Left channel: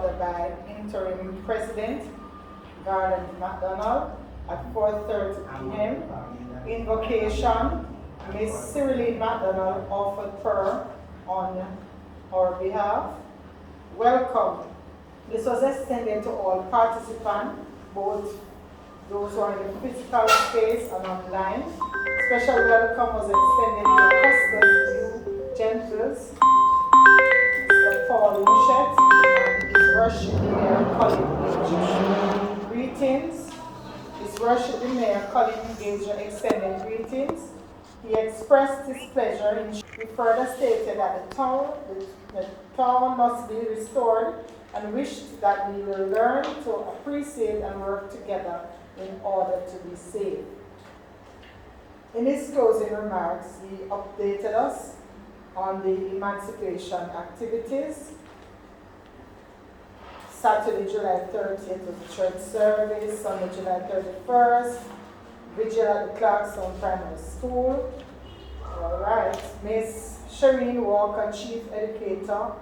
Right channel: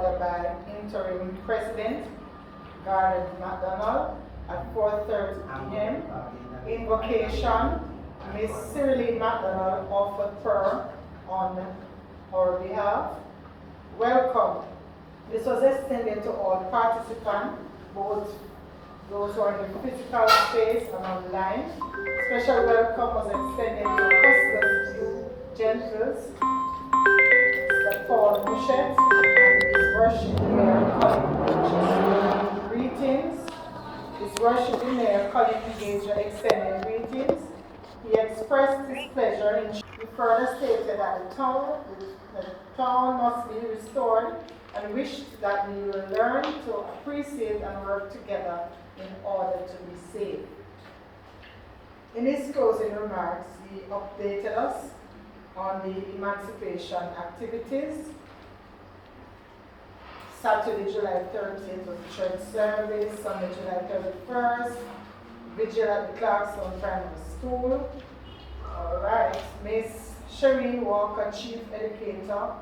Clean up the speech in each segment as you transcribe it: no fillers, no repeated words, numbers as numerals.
order by Interim President Garland McDonald at 4:30 p.m. Invocation, Ms. Cyriline McDonald offered prayer on our behalf. Welcome. This was extended to all participants, both those who are in the physical space and online. Special welcome was extended to Custos View Gentles, Mr. Paul Mushet, and his worship mayor, Colin Gager. Greetings. His worship mayor, Colin Gager, extended greetings. He expressed his pleasure in. He further stated that the town must be restored and wished that we will learn to appreciate and work together in order to be safe. In his closing remarks, he updated us on the emancipation activities. Saturday, July 30th was church service, Sunday, July 31st, vigil at the Clarkson Primary School. All right, Ms. Shireen Walker, Chief Educator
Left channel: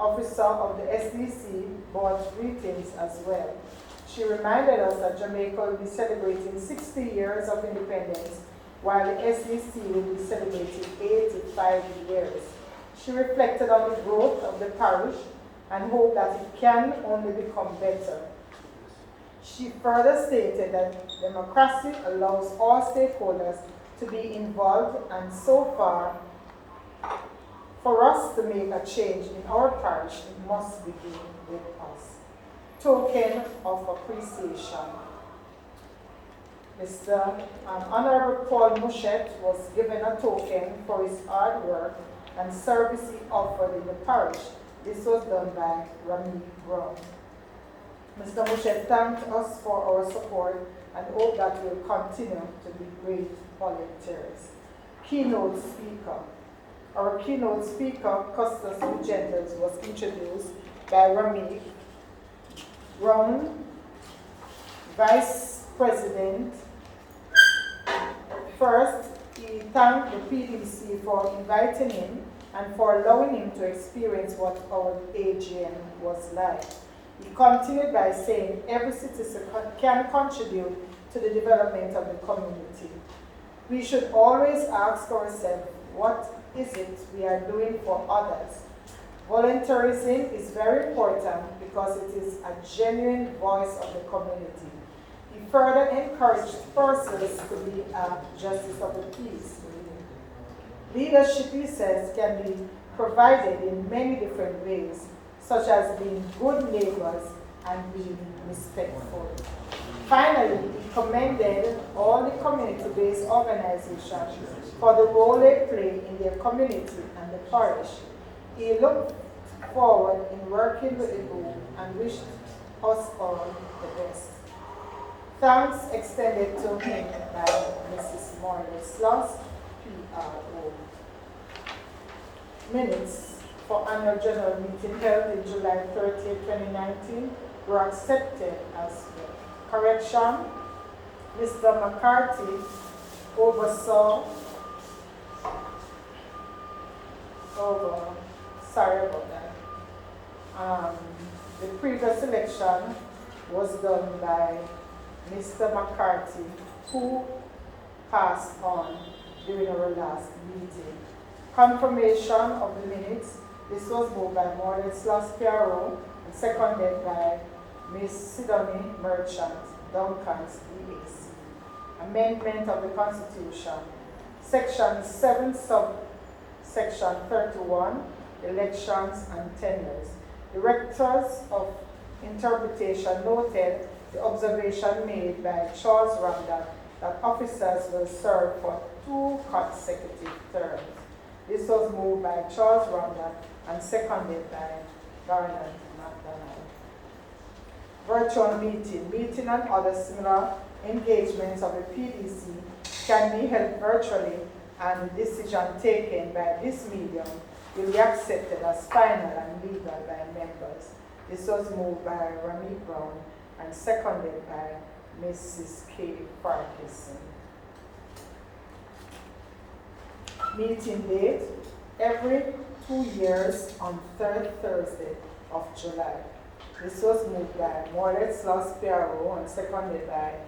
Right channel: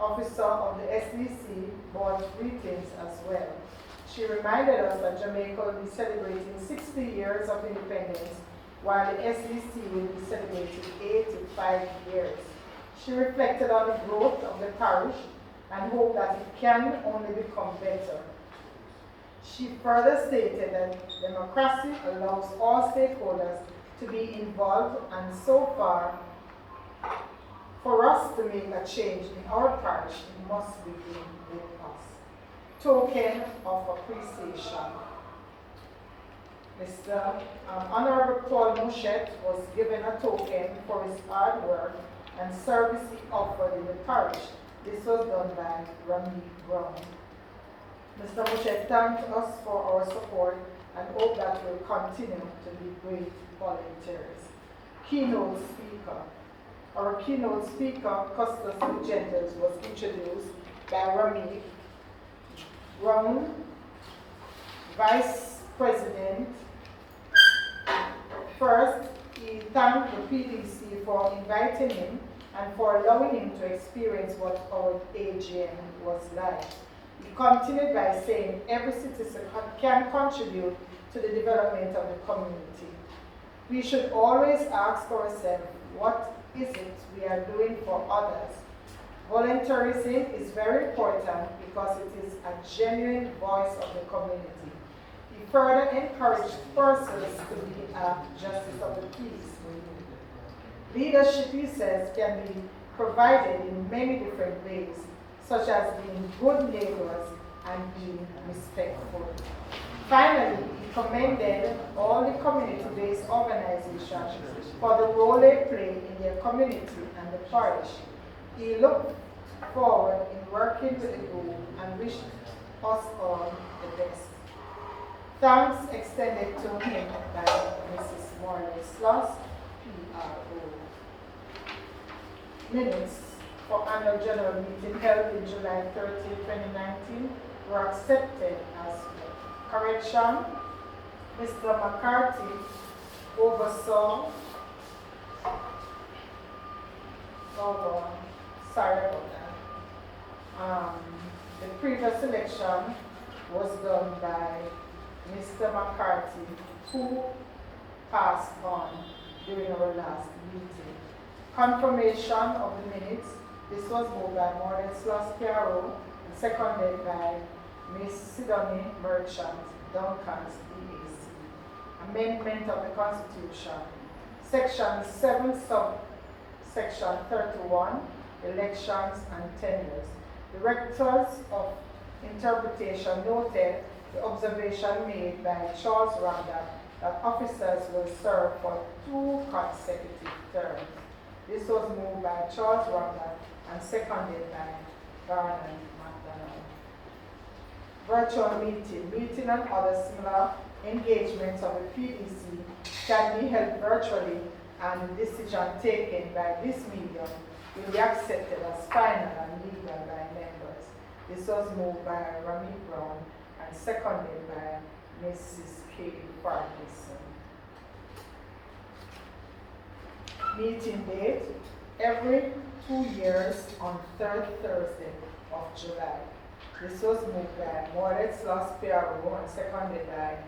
Officer of the SDC, brought greetings as well. She reminded us that Jamaica will be celebrating 60 years of independence, while the SDC will be celebrating 85 years. She reflected on the growth of the parish and hoped that it can only become better. She further stated that democracy allows all stakeholders to be involved, and so far, for us to make a change in our parish, it must begin with us. Token of appreciation. Mr. Honorable Paul Mushet was given a token for his hard work and service he offered in the parish. This was done by Rami Brown. Mr. Mushet thanked us for our support and hope that we'll continue to be great volunteers. Keynote speaker. Our keynote speaker, Custos Gentles, was introduced by Rami Brown, Vice President. First, he thanked the PDC for inviting him and for allowing him to experience what our AGM was like. He continued by saying every citizen can contribute to the development of the community. We should always ask ourselves, what is it we are doing for others? Volunteerism is very important because it is a genuine voice of the community. He further encouraged persons to be a justice of the peace. Leadership, he says, can be provided in many different ways, such as being good neighbors and being respectful. Finally, he commended all the community-based organizations for the role they play in their community and the parish. He looked forward in working with the group and wished us all the best. Thanks extended to him by Mrs. Morley Sloss, PRO. Minutes for annual general meeting held in July 30, 2019 were accepted as well. Correction, Mr. McCarthy oversaw, sorry about that. The previous election was done by Mr. McCarthy, who passed on during our last meeting. Confirmation of the minutes. This was moved by Morley Sloss, PRO, and seconded by Ms. Sidonie Merchant, Duncan's DAC. Amendment of the Constitution. Section 7, subsection 31, elections and tenures. Directors of Interpretation noted the observation made by Charles Ramdat that officers will serve for 2 consecutive terms. This was moved by Charles Ramdat and seconded by Garland McDonald. Virtual meeting. Meeting and other similar engagements of the PDC can be held virtually, and the decision taken by this medium will be accepted as final and legal by members. This was moved by Rami Brown and seconded by Mrs. K. Parkinson. Meeting date. Every 2 years on third Thursday of July. This was moved by Morlet Sloss PRO and seconded by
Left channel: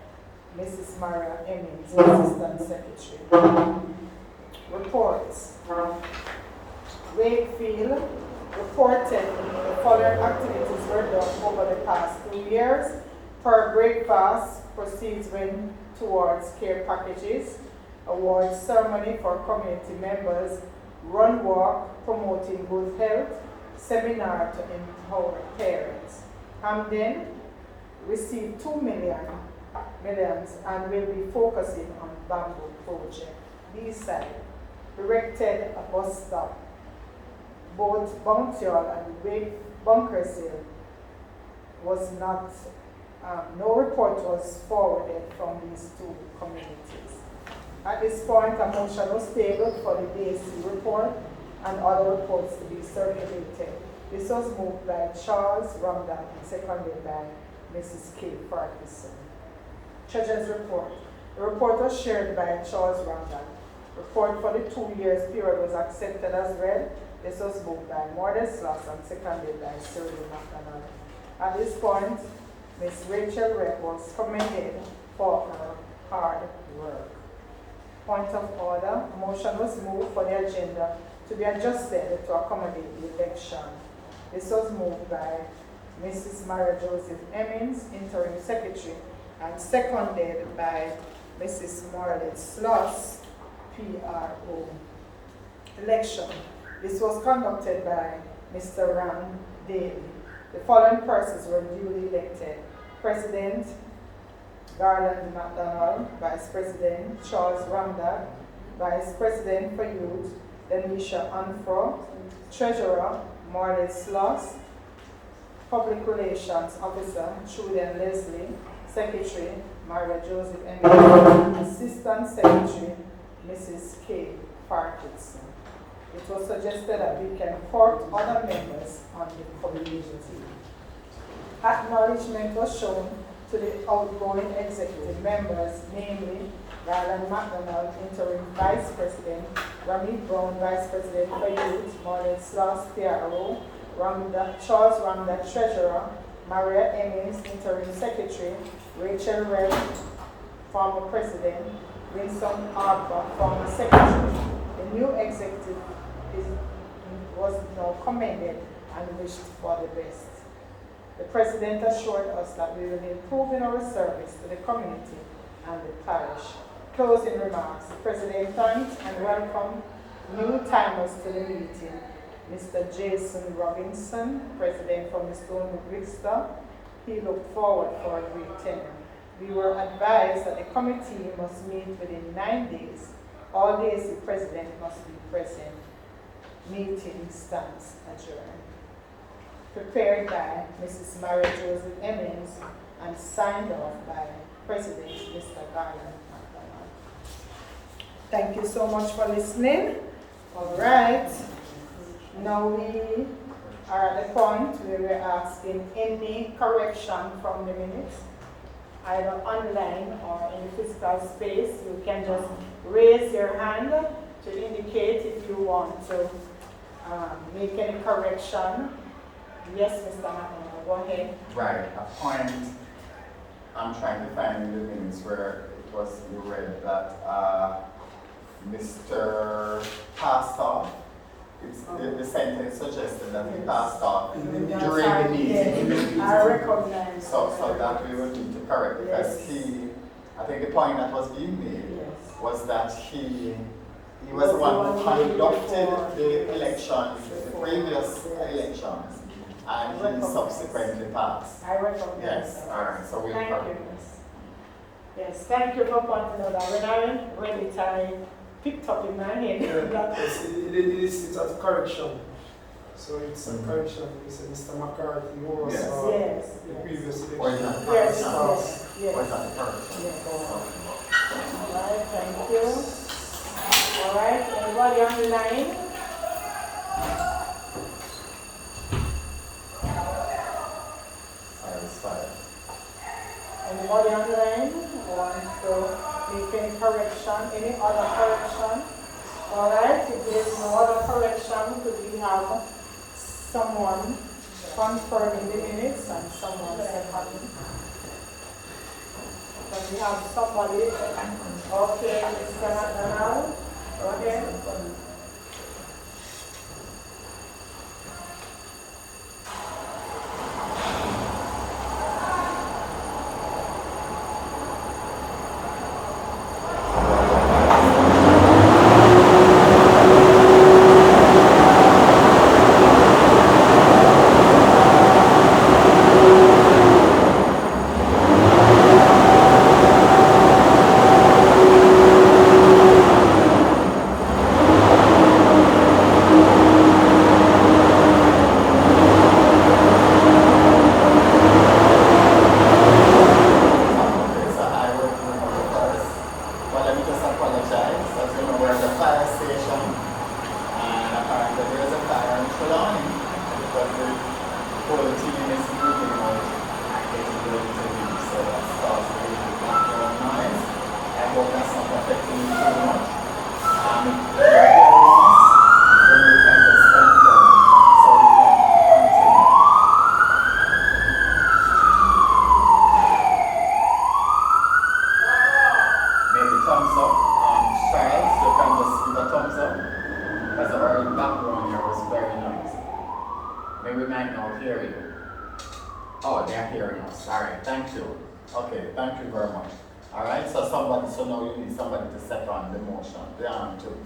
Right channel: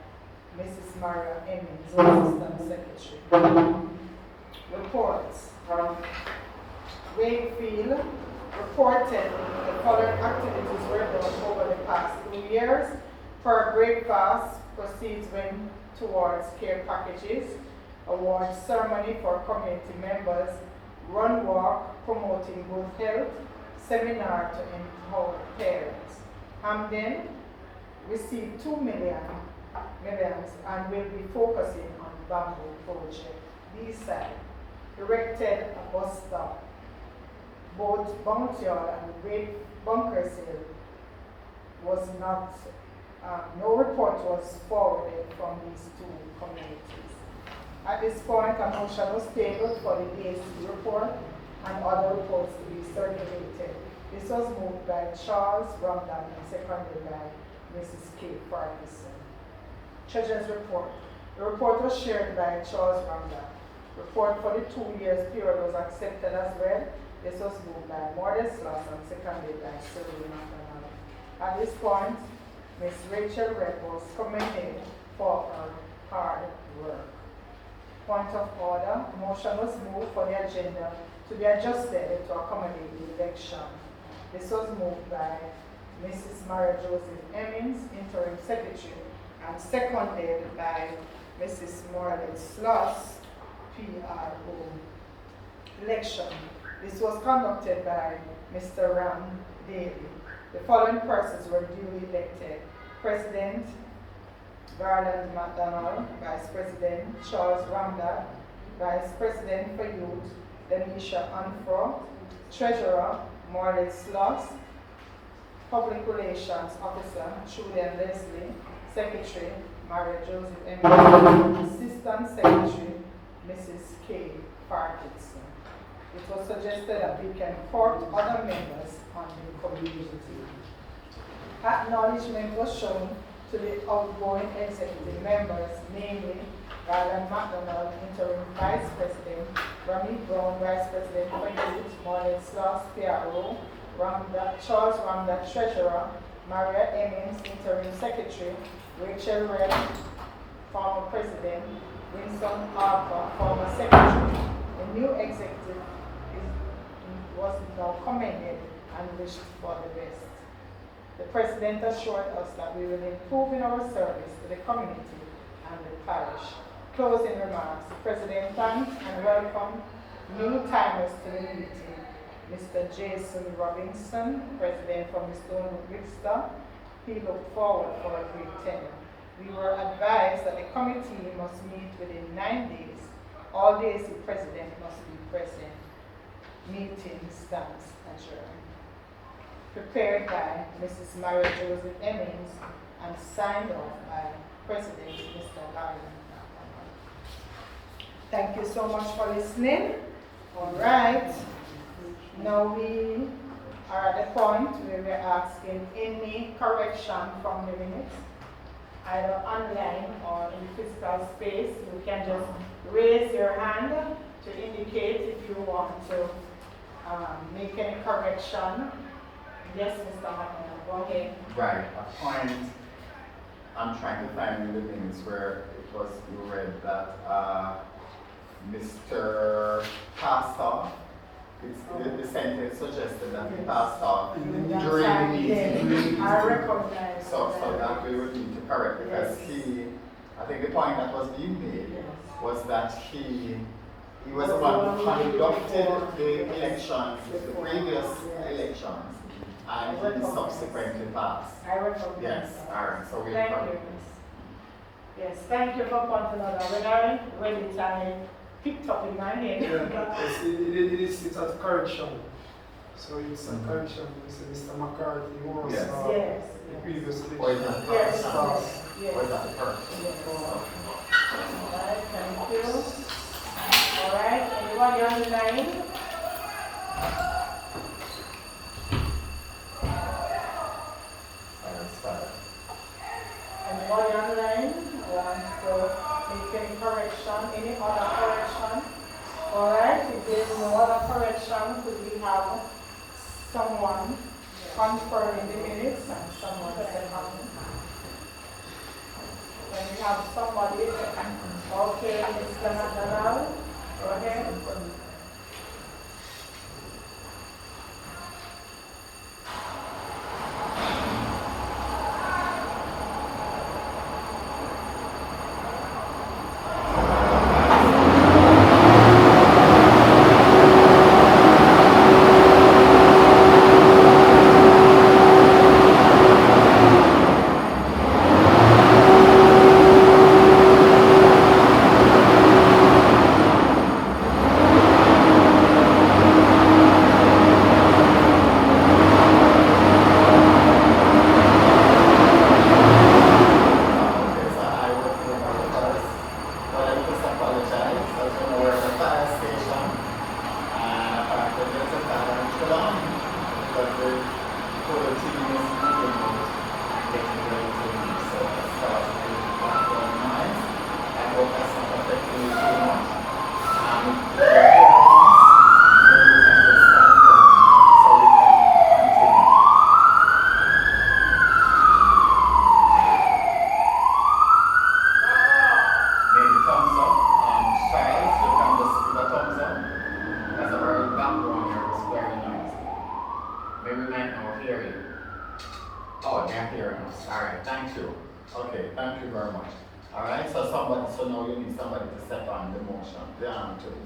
Mrs. Maria Emmons, Assistant Secretary. Reports. Wakefield reported the following activities were done over the past 2 years. Per breakfast proceeds went towards care packages, award ceremony for community members, run walk promoting good health, seminar to empower parents. Hamden received 2 millions and will be focusing on bamboo project. B-side erected a bus stop. Both Bountyall and Great Bunkers Hill was not, no report was forwarded from these two communities. At this point, a motion was tabled for the DAC report and other reports to be circulated. This was moved by Charles Ramdan and seconded by Mrs. K. Ferguson. Treasurer's report. The report was shared by Charles Ramdan. Report for the 2 years period was accepted as read. This was moved by Mordecai Sloss and seconded by Sylvia McDonald. At this point, Ms. Rachel Redd was commended for her hard work. Point of order, a motion was moved for the agenda to be adjusted to accommodate the election. This was moved by Mrs. Maria Joseph Emmons, Interim Secretary, and seconded by Mrs. Morlet Sloss, PRO. Election. This was conducted by Mr. Ram Daly. The following persons were duly elected. President Garland McDonald, Vice President Charles Ramdag, Vice President for Youth Denisha Anfro, Treasurer Morley Sloss, Public Relations Officer Julian Leslie, Secretary Maria Joseph M. Assistant Secretary Mrs. K. Parkinson. It was suggested that we can court other members on the community. Acknowledgement was shown to the outgoing executive members, namely Garland McDonald, Interim Vice President, Rami Brown, Vice President for Youth, Marlon Sloss, PRO, Charles Ramda, Treasurer, Maria Emmons, Interim Secretary, Rachel Redd, former President, Winston Arbor, former Secretary. The new executive was now commended and wished for the best. The President assured us that we will improve in our service to the community and the parish. Closing remarks. The President thanks and welcomed new timers to the meeting. Mr. Jason Robinson, President from Stonebrook Vista. He looked forward for a great tenure. We were advised that the committee must meet within 9 days. All days the President must be present. Meeting stands adjourned. Prepared by Mrs. Maria Joseph Emmons and signed off by President Mr. Garland McDonald. Thank you so much for listening. All right. Now we are at the point where we're asking any correction from the minutes, either online or in the physical space. You can just raise your hand to indicate if you want to make any correction. Yes, Mr. McDonald, go ahead. Right, a point, I'm trying to find the things where it was read that Mr. passed off. The sentence suggested that he passed off during the meeting. I recognize. So that we would need to correct, because I think the point that was being made was that he was the one who conducted the elections, the previous elections, and he subsequently passed. I recognize. Yes, all right, so we'll thank you. Yes, thank you for pointing out that when I read it, I picked up in my head. It's a correction. So it's a correction. Mr. McCarthy was the previous election. Yes. Or is that the correction? Yes. All right, thank you. All right, everybody on the line? Anybody on the line wants to make any correction, any other correction? All right, if there is no other correction, could we have someone confirming the minutes and someone seconding. Can we have somebody? Okay, Mr. McDonald, go ahead.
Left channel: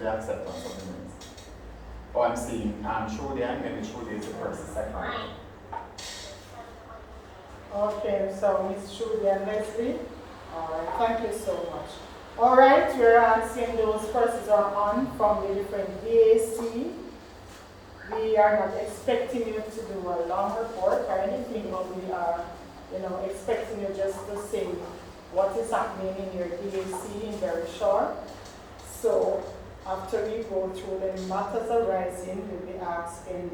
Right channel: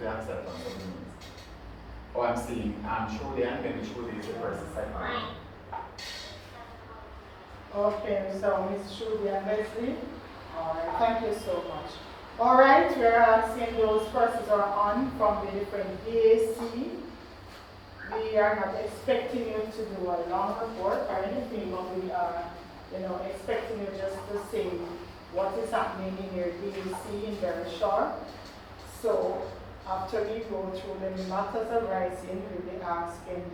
The acceptance of the minutes. Oh, I'm seeing Trudy and then Trudy is the person second. Okay, so Ms. Trudy and Leslie. All right, thank you so much. All right, we're seeing those persons are on from the different DAC. We are not expecting you to do a long report or anything, but we are, expecting you just to say what is happening in your DAC in very short. So after we go through the matters arising, we'll be asking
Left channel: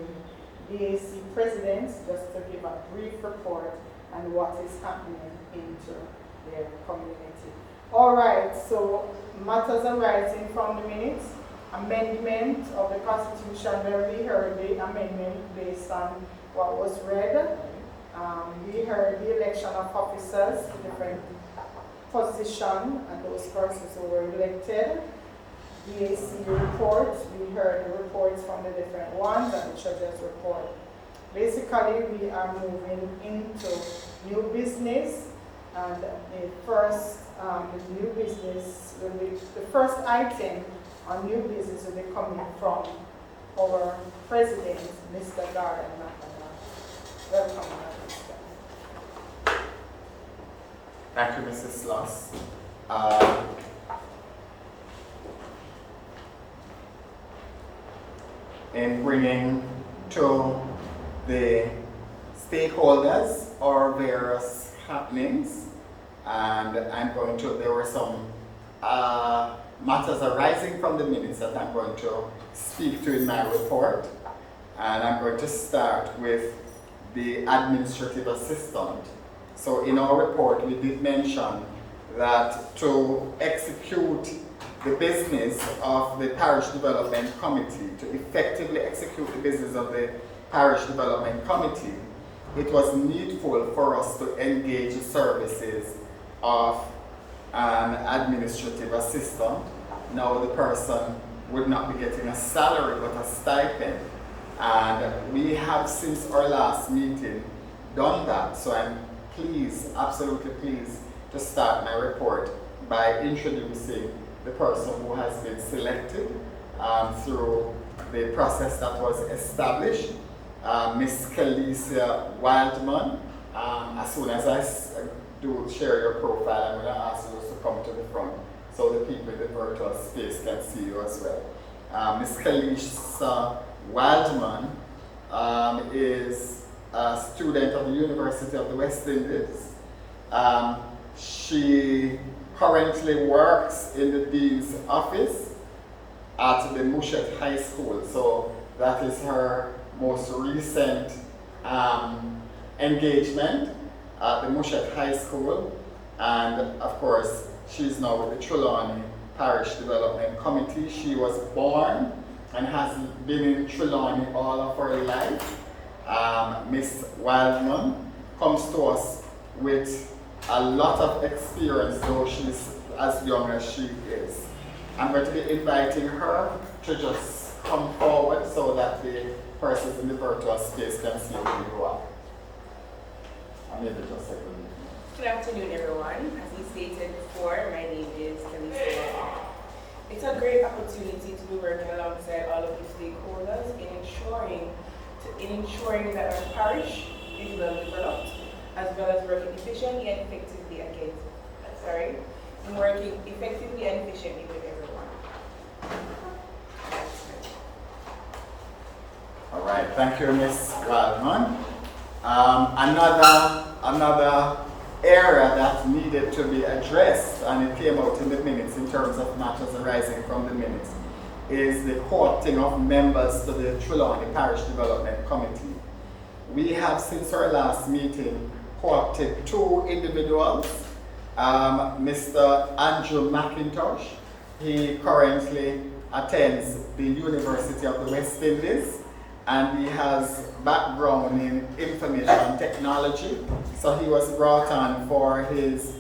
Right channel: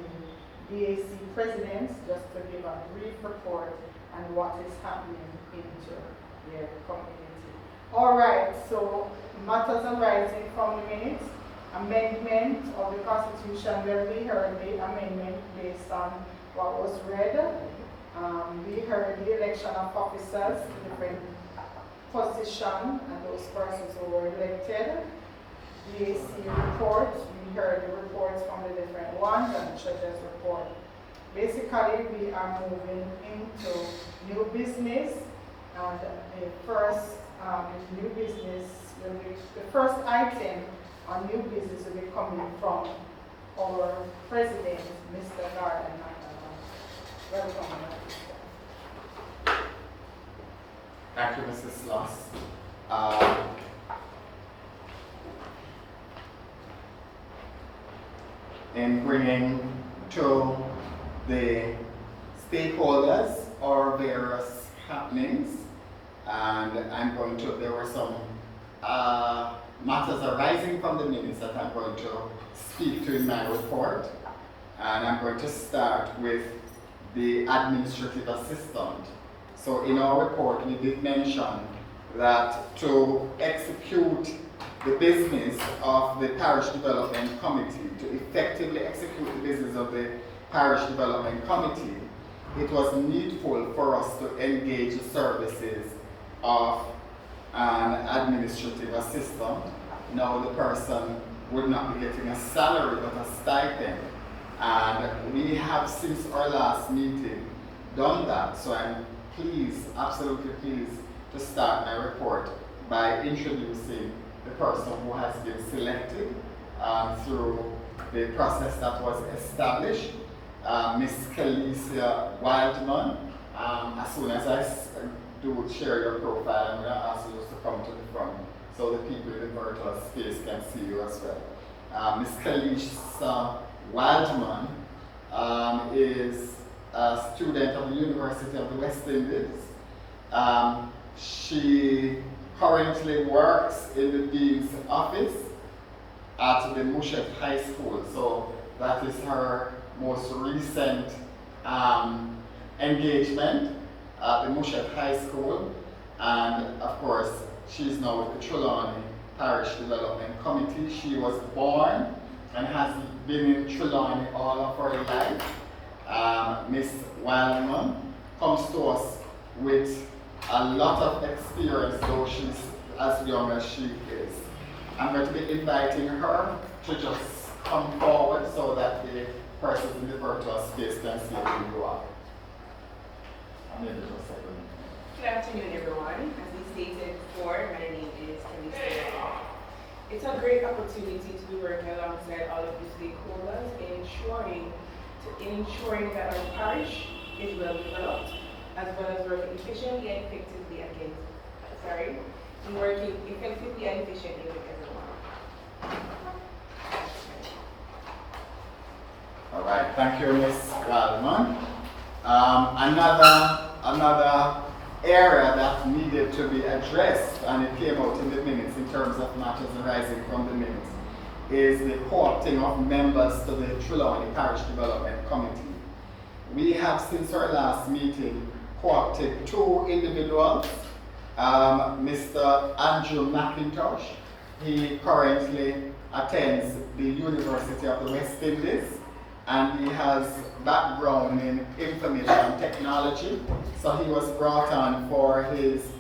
the DAC presidents just to give a brief report on what is happening into their community. All right, so matters arising from the minutes, amendment of the Constitution. Well, we heard the amendment based on what was read. We heard the election of officers, different position, and those persons who were elected. DAC report, we heard the reports from the different ones and the treasurer's report. Basically, we are moving into new business, and the first new business will be, the first item on new business will be coming from our president, Mr. Gordon McDonald. Welcome, Mr. Thank you, Mrs. Sloss. In bringing to the stakeholders our various happenings, and there were some matters arising from the minutes that I'm going to speak to in my report, and I'm going to start with the administrative assistant. So in our report, we did mention that to execute the business of the Parish Development Committee, to effectively execute the business of the Parish Development Committee, it was needful for us to engage the services of an administrative assistant. Now the person would not be getting a salary but a stipend. And we have, since our last meeting, done that. So I'm pleased, absolutely pleased, to start my report by introducing the person who has been selected through the process that was established, Ms. Kelesia Wildman. As soon as I do share your profile, I'm going to ask you to come to the front so the people in the virtual space can see you as well. Ms. Kelesia Wildman is a student of the University of the West Indies. She currently works in the Dean's office at the Mushet High School. So that is her most recent engagement at the Mushet High School. And of course, she's now with the Trelawny Parish Development Committee. She was born and has been in Trelawny all of her life. Miss Wildman comes to us with a lot of experience, though she's as young as she is. I'm going to be inviting her to just come forward so that the persons in the virtual space can see who you are. I made it just a second. Good afternoon, everyone. As he stated before, my name is Trelawny. It's a great opportunity to be working alongside all of the stakeholders in ensuring that our parish is well developed, as well as working efficiently and effectively working effectively and efficiently with everyone. All right, thank you, Ms. Wildman. Another area that needed to be addressed, and it came out in the minutes in terms of matters arising from the minutes, is the co-opting of members to the Trelawny Parish Development Committee. We have, since our last meeting, co-opted 2 individuals. Mr. Andrew McIntosh, he currently attends the University of the West Indies, and he has background in information technology. So he was brought on for his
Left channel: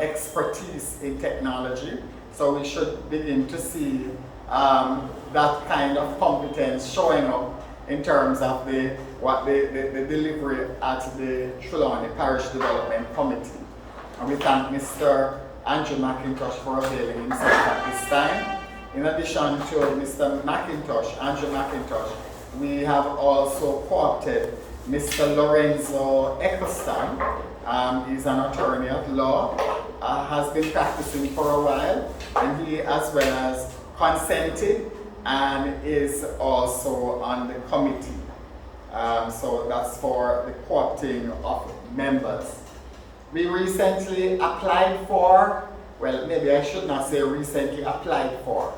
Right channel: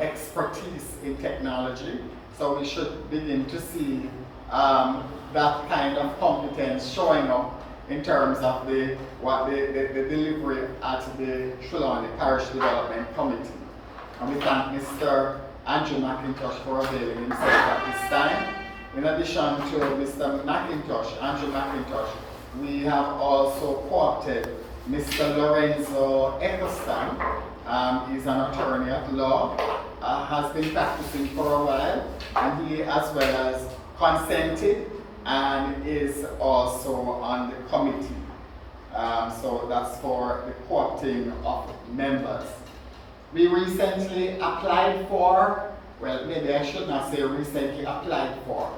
expertise in technology. So we should begin to see that kind of competence showing up in terms of the delivery at the Trelawny Parish Development Committee. And we thank Mr. Andrew McIntosh for availing himself at this time. In addition to Mr. McIntosh, Andrew McIntosh, we have also co-opted Mr. Lorenzo Eccleston. He's an attorney at law, has been practicing for a while, and he as well as consented and is also on the committee. So that's for the co-opting of members. We recently applied for, well, maybe I should not say recently applied for,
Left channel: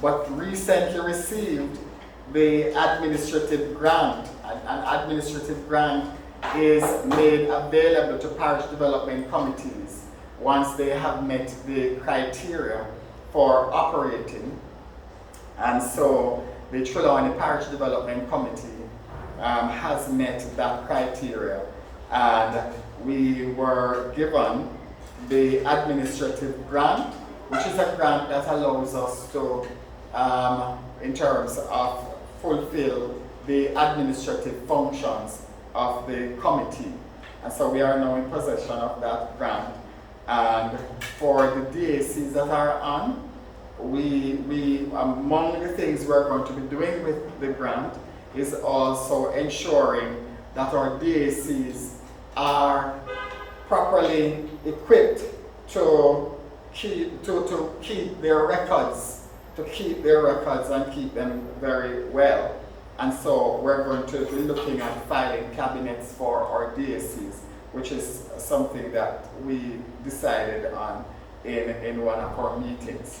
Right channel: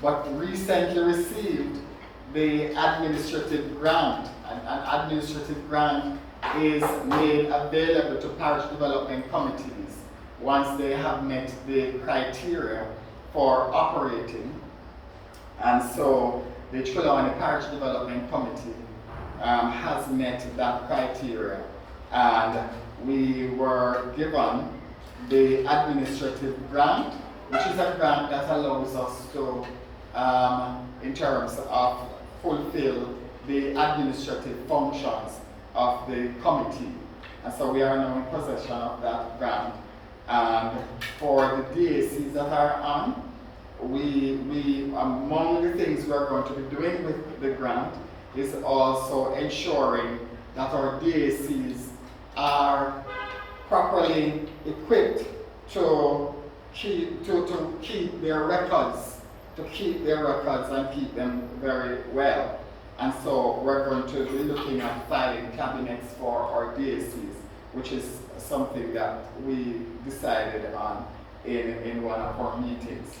but recently received the administrative grant. An administrative grant is made available to parish development committees once they have met the criteria for operating. And so the Trelawny Parish Development Committee has met that criteria, and we were given the administrative grant, which is a grant that allows us to, in terms of fulfill the administrative functions of the committee. And so we are now in possession of that grant. And for the DACs that are on, we among the things we're going to be doing with the grant is also ensuring that our DACs are properly equipped to keep their records and keep them very well. And so we're going to be looking at filing cabinets for our DACs, which is something that we decided on in one of our meetings.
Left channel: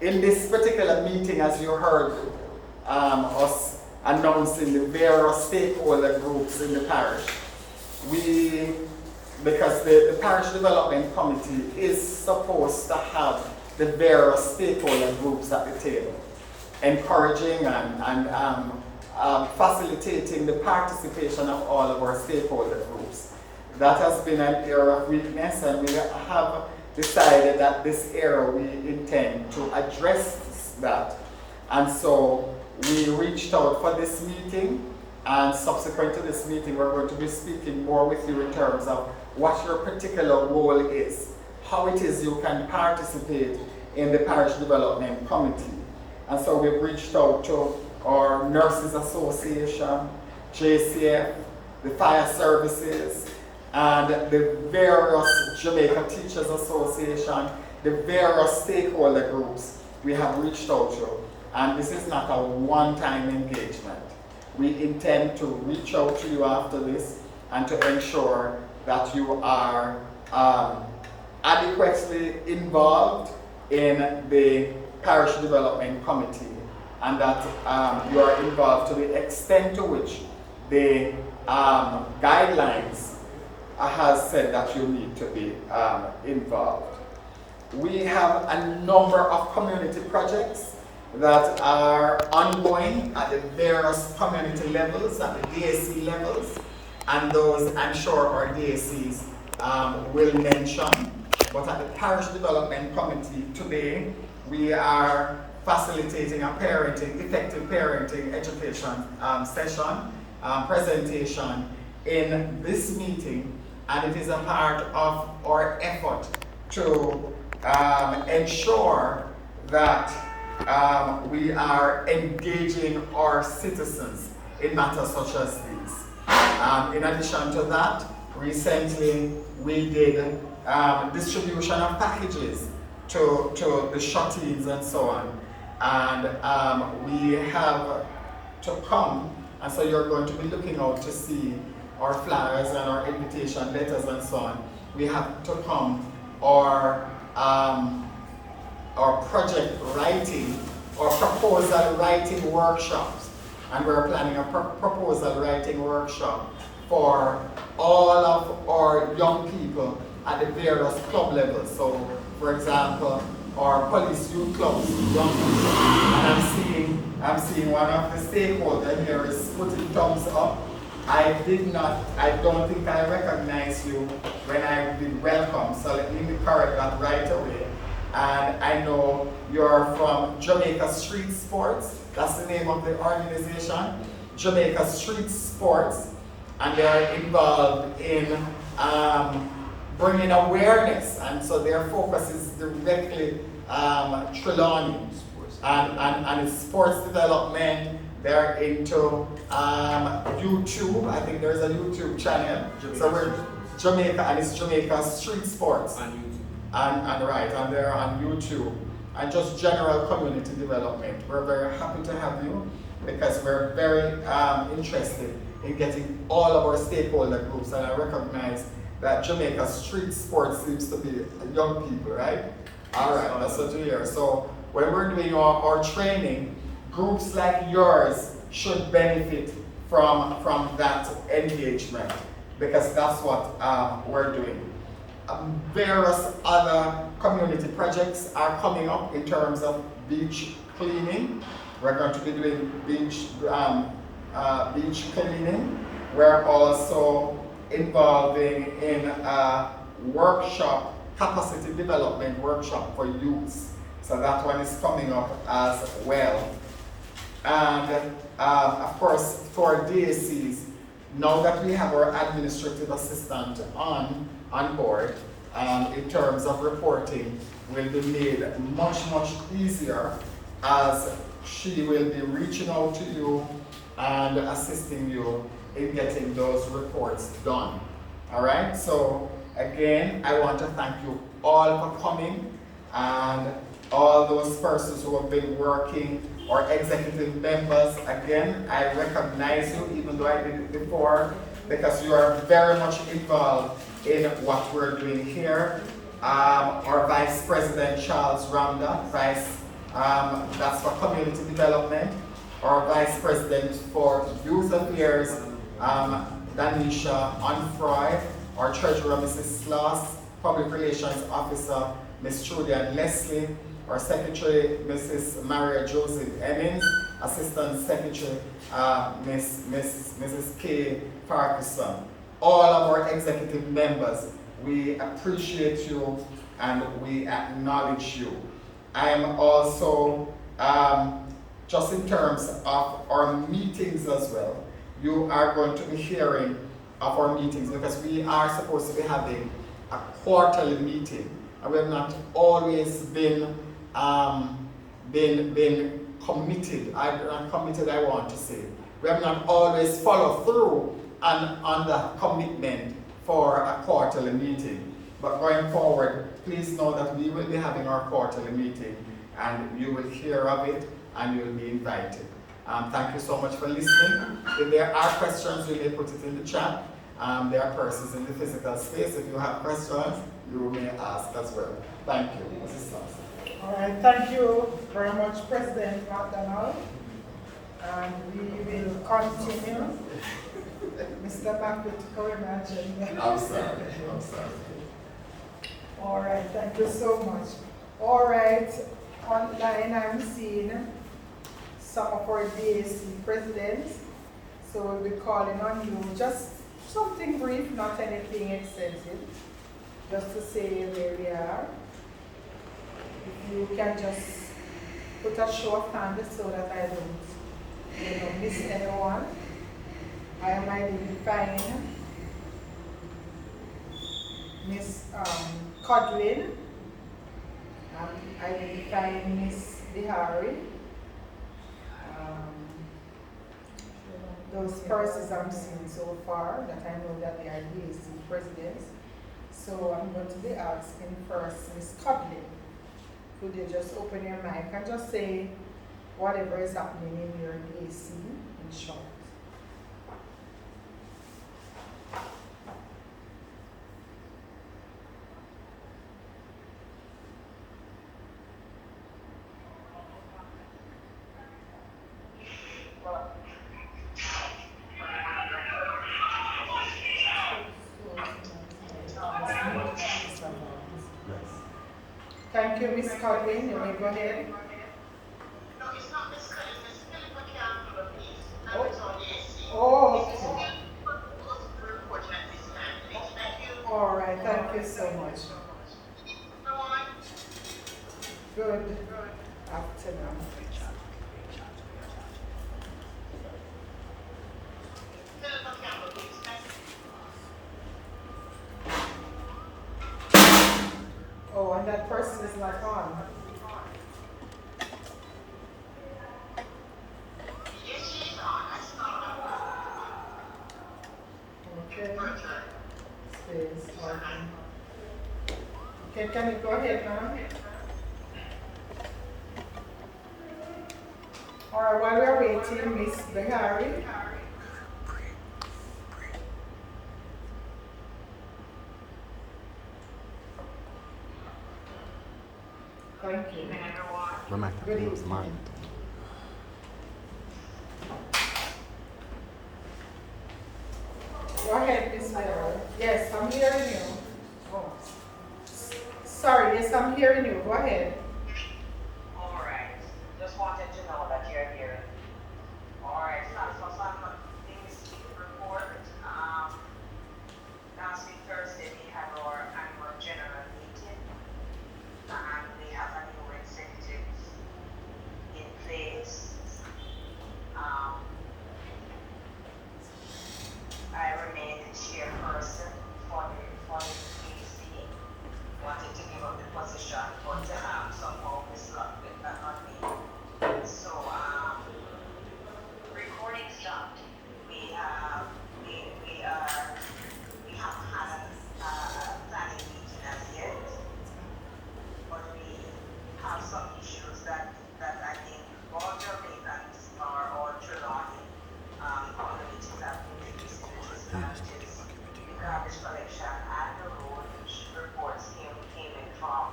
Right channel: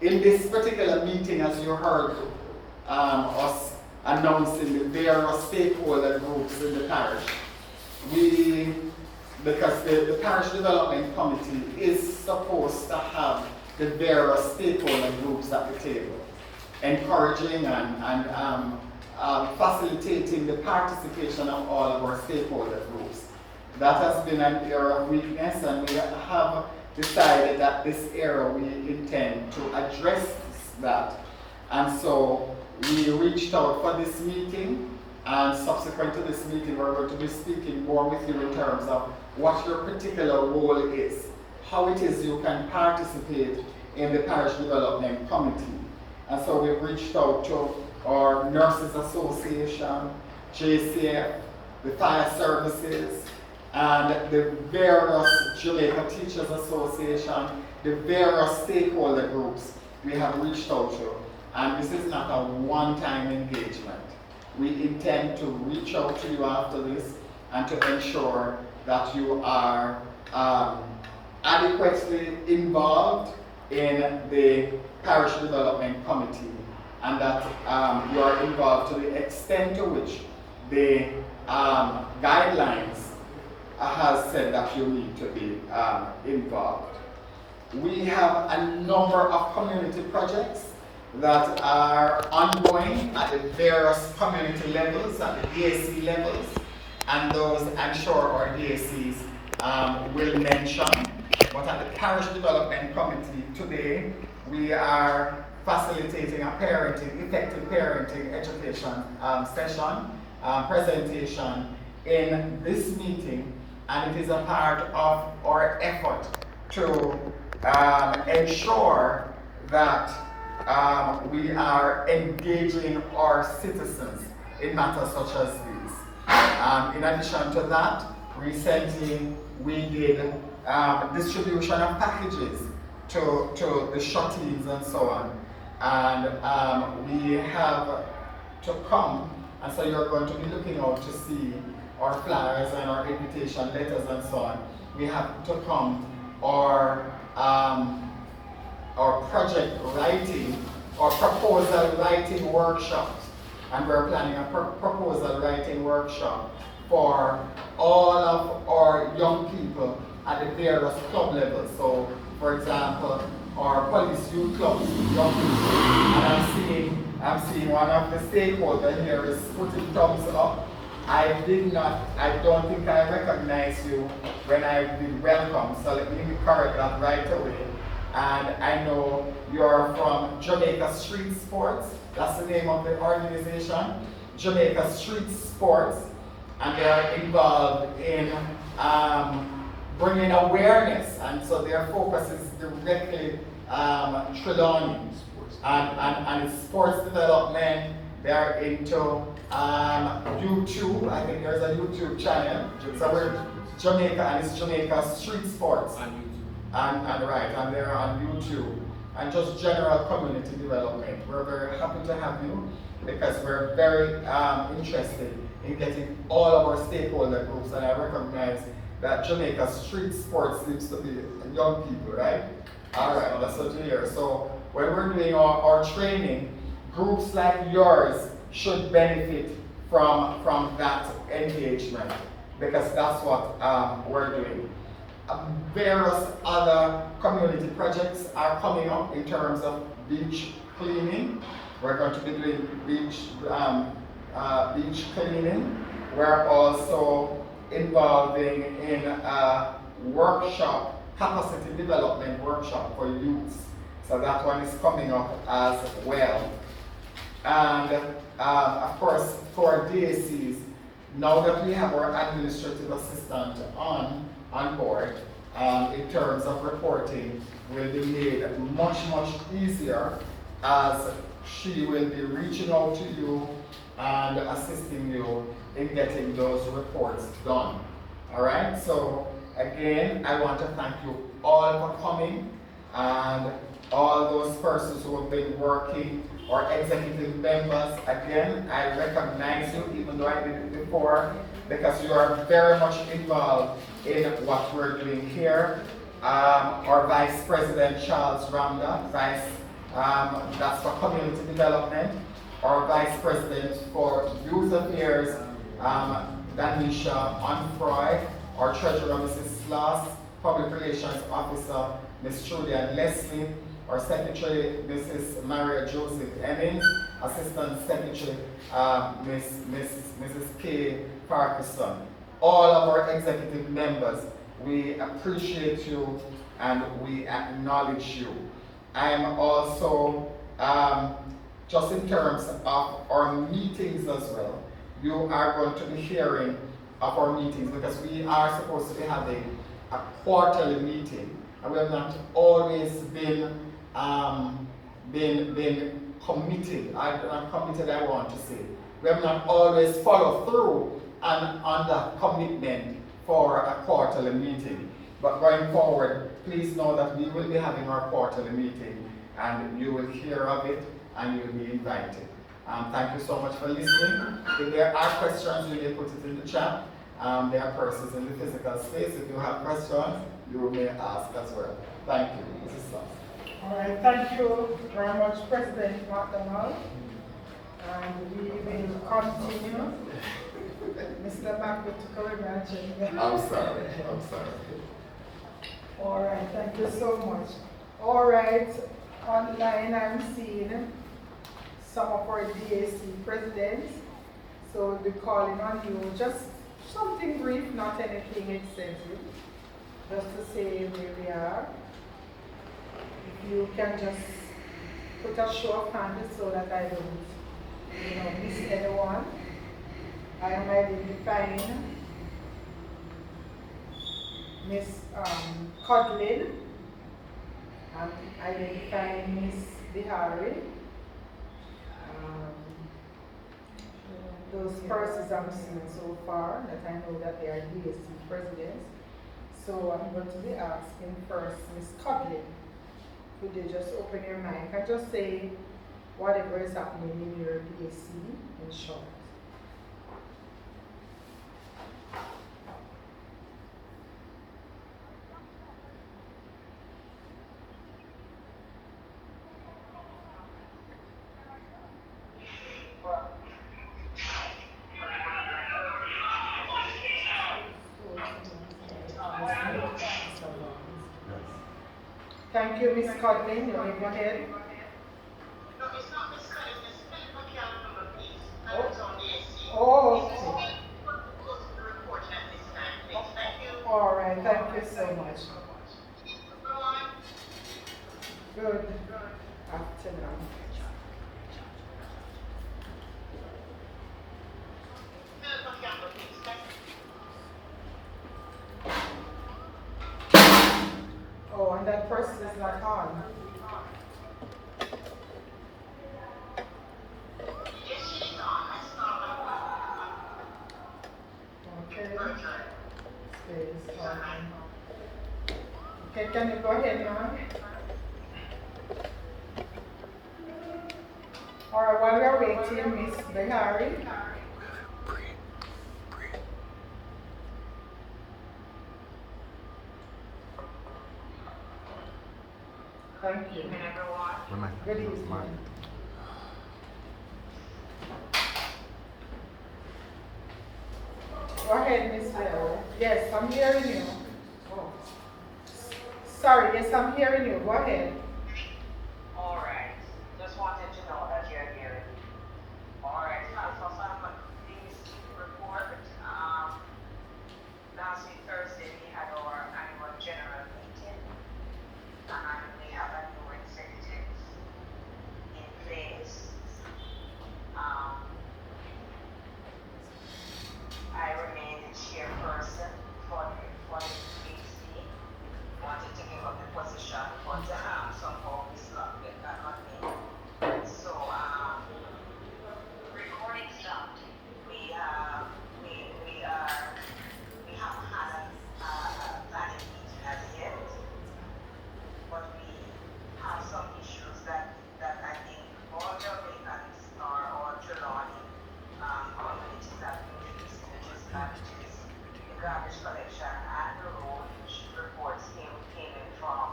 In this particular meeting, as you heard us announcing the various stakeholder groups in the parish, because the Parish Development Committee is supposed to have the various stakeholder groups at the table, encouraging and facilitating the participation of all of our stakeholder groups. That has been an area of weakness, and we have decided that this area we intend to address that. And so we reached out for this meeting, and subsequent to this meeting we're going to be speaking more with you in terms of what your particular role is, how it is you can participate in the Parish Development Committee. And so we've reached out to our Nurses Association, JCF, the Fire Services, and the various Jamaica Teachers Association, the various stakeholder groups we have reached out to. And this is not a one-time engagement. We intend to reach out to you after this and to ensure that you are adequately involved in the Parish Development Committee, and that you are involved to the extent to which the guidelines has said that you need to be involved. We have a number of community projects that are ongoing at the various community levels, at the DAC levels, and those I'm sure our DACs will mention. But at the Parish Development Committee today, we are facilitating a effective parenting education session, presentation in this meeting, and it is a part of our effort to ensure that we are engaging our citizens in matters such as these. In addition to that, recently we did distribution of packages to the shut-ins and so on. And we have to come, and so you're going to be looking out to see our flyers and our invitation letters and so on. We have to come our project writing or proposal writing workshops, and we're planning a proposal writing workshop for all of our young people at the various club levels. So, for example, our police youth clubs, young people, and I'm seeing one of the stakeholders here is putting thumbs up. I don't think I recognized you when I did welcome, so let me correct that right away. And I know you're from Jamaica Streets Sports. That's the name of the organization, Jamaica Streets Sports, and they're involved in bringing awareness, and so their focus is directly Trelawny and it's sports development. They're into YouTube. I think there's a YouTube channel. So we're Jamaica, and it's Jamaica Street Sports. And they're on YouTube. And just general community development. We're very happy to have you because we're very interested in getting all of our stakeholder groups, and I recognize that Jamaica Street Sports seems to be young people, right? All right, that's what we hear. So when we're doing our training, groups like yours should benefit from that engagement, because that's what we're doing. Various other community projects are coming up in terms of beach cleaning. We're going to be doing beach cleaning. We're also involving in a workshop, capacity development workshop for youths. So that one is coming up as well. And of course, for DACs, now that we have our administrative assistant on board, in terms of reporting, will be made much easier, as she will be reaching out to you and assisting you in getting those reports done. All right, so again, I want to thank you all for coming, and all those persons who have been working, or executive members. Again, I recognize you, even though I did it before, because you are very much involved in what we're doing here. Our Vice President, Charles Ramda, that's for community development. Our Vice President for Youth Affairs, Danisha Onfroy. Our Treasurer, Mrs. Sloss. Public Relations Officer, Ms. Trudian Leslie. Our Secretary, Mrs. Maria Joseph Emmons. Assistant Secretary, Mrs. K. Parkinson. All of our executive members, we appreciate you and we acknowledge you. I am also, just in terms of our meetings as well, you are going to be hearing of our meetings, because we are supposed to be having a quarterly meeting, and we have not always been committed. Not committed, I want to say. We have not always followed through on that commitment for a quarterly meeting. But going forward, please know that we will be having our quarterly meeting, and you will hear of it and you'll be invited. Thank you so much for listening. If there are questions, you may put it in the chat. There are persons in the physical space. If you have questions, you may ask as well. Thank you, Mrs. Sloss. All right, thank you very much, President McDonald. And we will continue. Mr. Makutuko, imagine. I'm sorry. All right, thank you so much. All right, online I'm seeing some of our DAC presidents. So we'll be calling on you, just something brief, not anything extensive, just to say where we are. If you can just put a show of hands so that I don't, miss anyone. I am identifying Miss Codlin. I'm identifying Miss Bihari. Those persons I'm seeing so far, that I know that they are DAC presidents. So I'm going to be asking first Miss Codlin. Could you just open your mic and just say whatever is happening in your DAC in short? Thank you, Ms. Codlin. You may go ahead. No, it's not Miss Codlin, it's Philippa Campbell, please. I'm Oh. on DSC. Oh, It's okay. only close to the report at this time, please. Thank you. All right, thank you so much. Go on. Good afternoon. Philippa Campbell, please. Thank you. Oh, and that person is not on. Yes, she's on. I saw Okay. her. Space. Okay. Okay, can you go ahead, ma'am? All right, while we're waiting, Miss Bihari. Thank you. Evening, everyone. Good evening. Go ahead, Miss Bihari. Yes, I'm hearing you. Oh. Sorry, yes, I'm hearing you. Go ahead. All right. Just wanted to know that you're here. All right. So some things to report. Last week, Thursday, we had our annual general meeting. And we have a new executive in place. I remain the chairperson for the KC. Wanted to give up the position, but somehow Miss Luck did that on me. So recording stopped. We haven't had a planning meeting as yet, but we have some issues that I think all Jamaicans or Trelawny communities have been facing, which is that is the garbage collection and the road reports came in from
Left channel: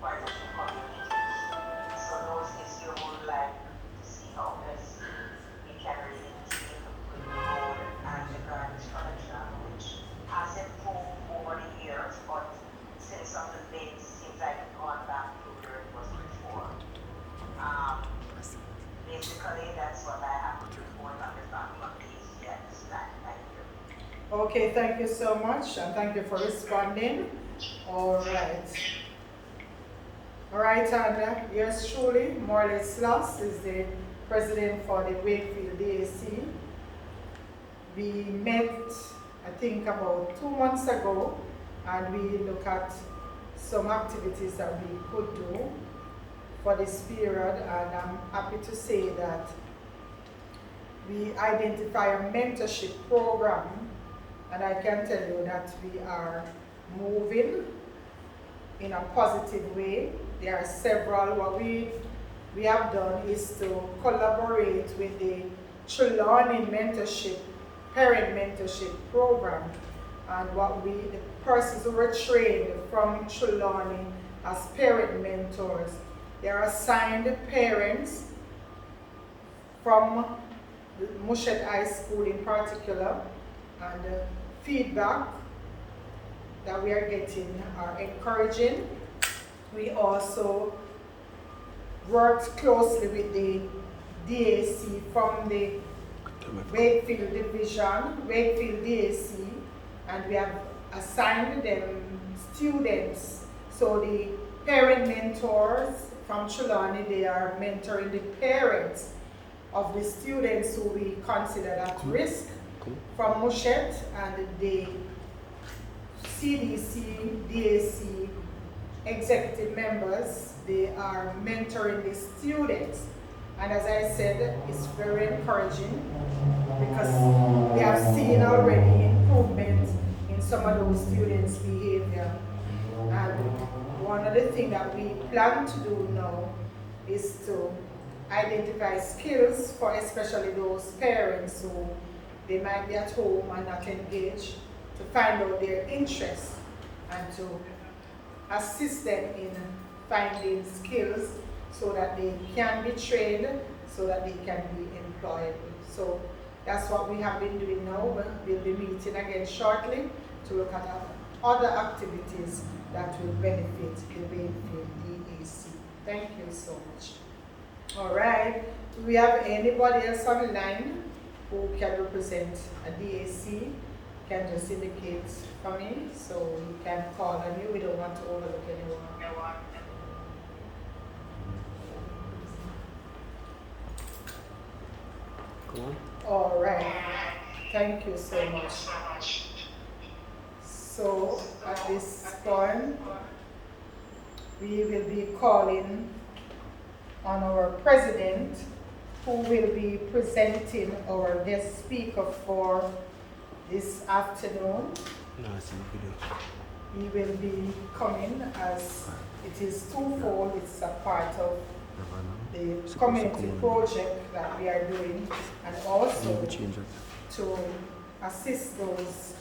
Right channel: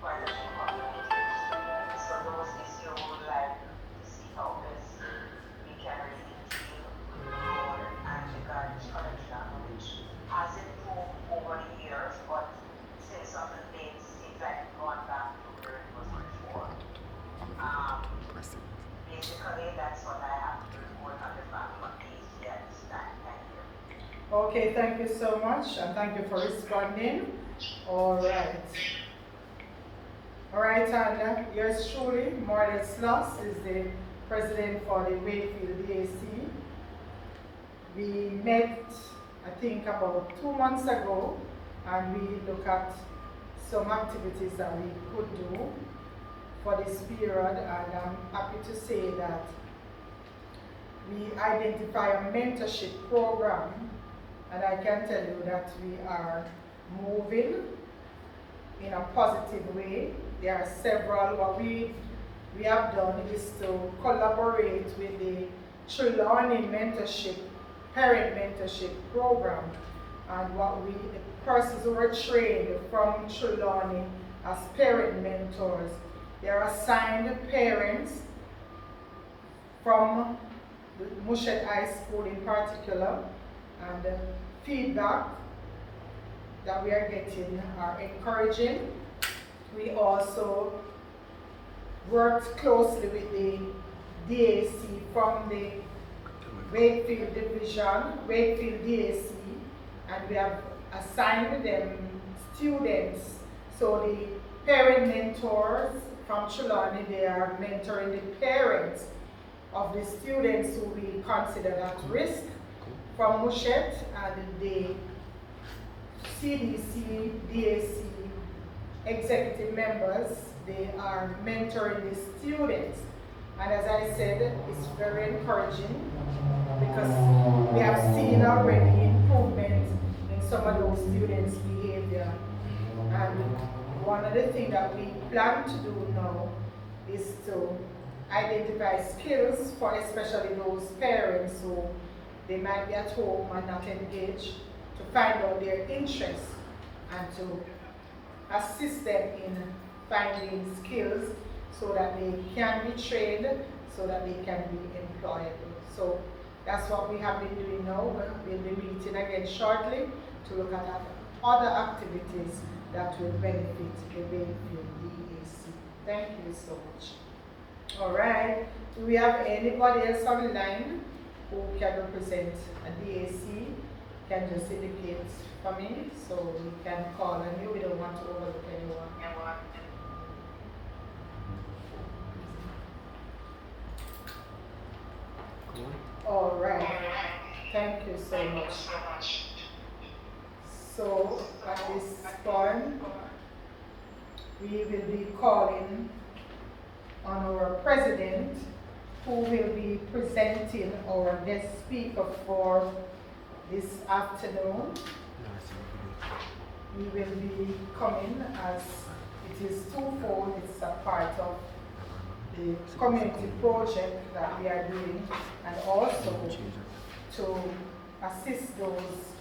quite a few communities. So those issues we would like to see how best we can really deal with the road and the garbage collection, which has improved over the years, but since some of the things seems like it's gone back to where it was before. Basically, that's what I have to report on the back of these at this time. Thank you. Okay, thank you so much, and thank you for responding. All right. All right, and yours truly, Morley Sloss, is the president for the Wakefield DAC. We met, I think, about 2 months ago, and we looked at some activities that we could do for this period, and I'm happy to say that we identify a mentorship program, and I can tell you that we are moving in a positive way. There are several. What we have done is to collaborate with the Trelawny mentorship, parent mentorship program, and the persons who were trained from Trelawny as parent mentors, they are assigned parents from Mushed High School in particular, and feedback that we are getting are encouraging. We also worked closely with the DAC from the Wakefield Division, Wakefield DAC, and we have assigned them students. So the parent mentors from Trelawny, they are mentoring the parents of the students who we consider at risk. From Mushet and the CDC, DAC executive members, they are mentoring the students. And as I said, it's very encouraging because we have seen already improvement in some of those students' behavior. And one of the things that we plan to do now is to identify skills for especially those parents who they might be at home and not engaged, to find out their interests and to assist them in finding skills so that they can be trained, so that they can be employed. So that's what we have been doing now. We'll be meeting again shortly to look at other activities that will benefit the Wakefield DAC. Thank you so much. All right, do we have anybody else online who can represent a DAC? Can just indicate for me so we can call on you. We don't want to overlook anyone. All right, thank you so much. So at this point, we will be calling on our president, who will be presenting our guest speaker for this afternoon. He will be coming as it is twofold. It's a part of the community project that we are doing, and also to assist those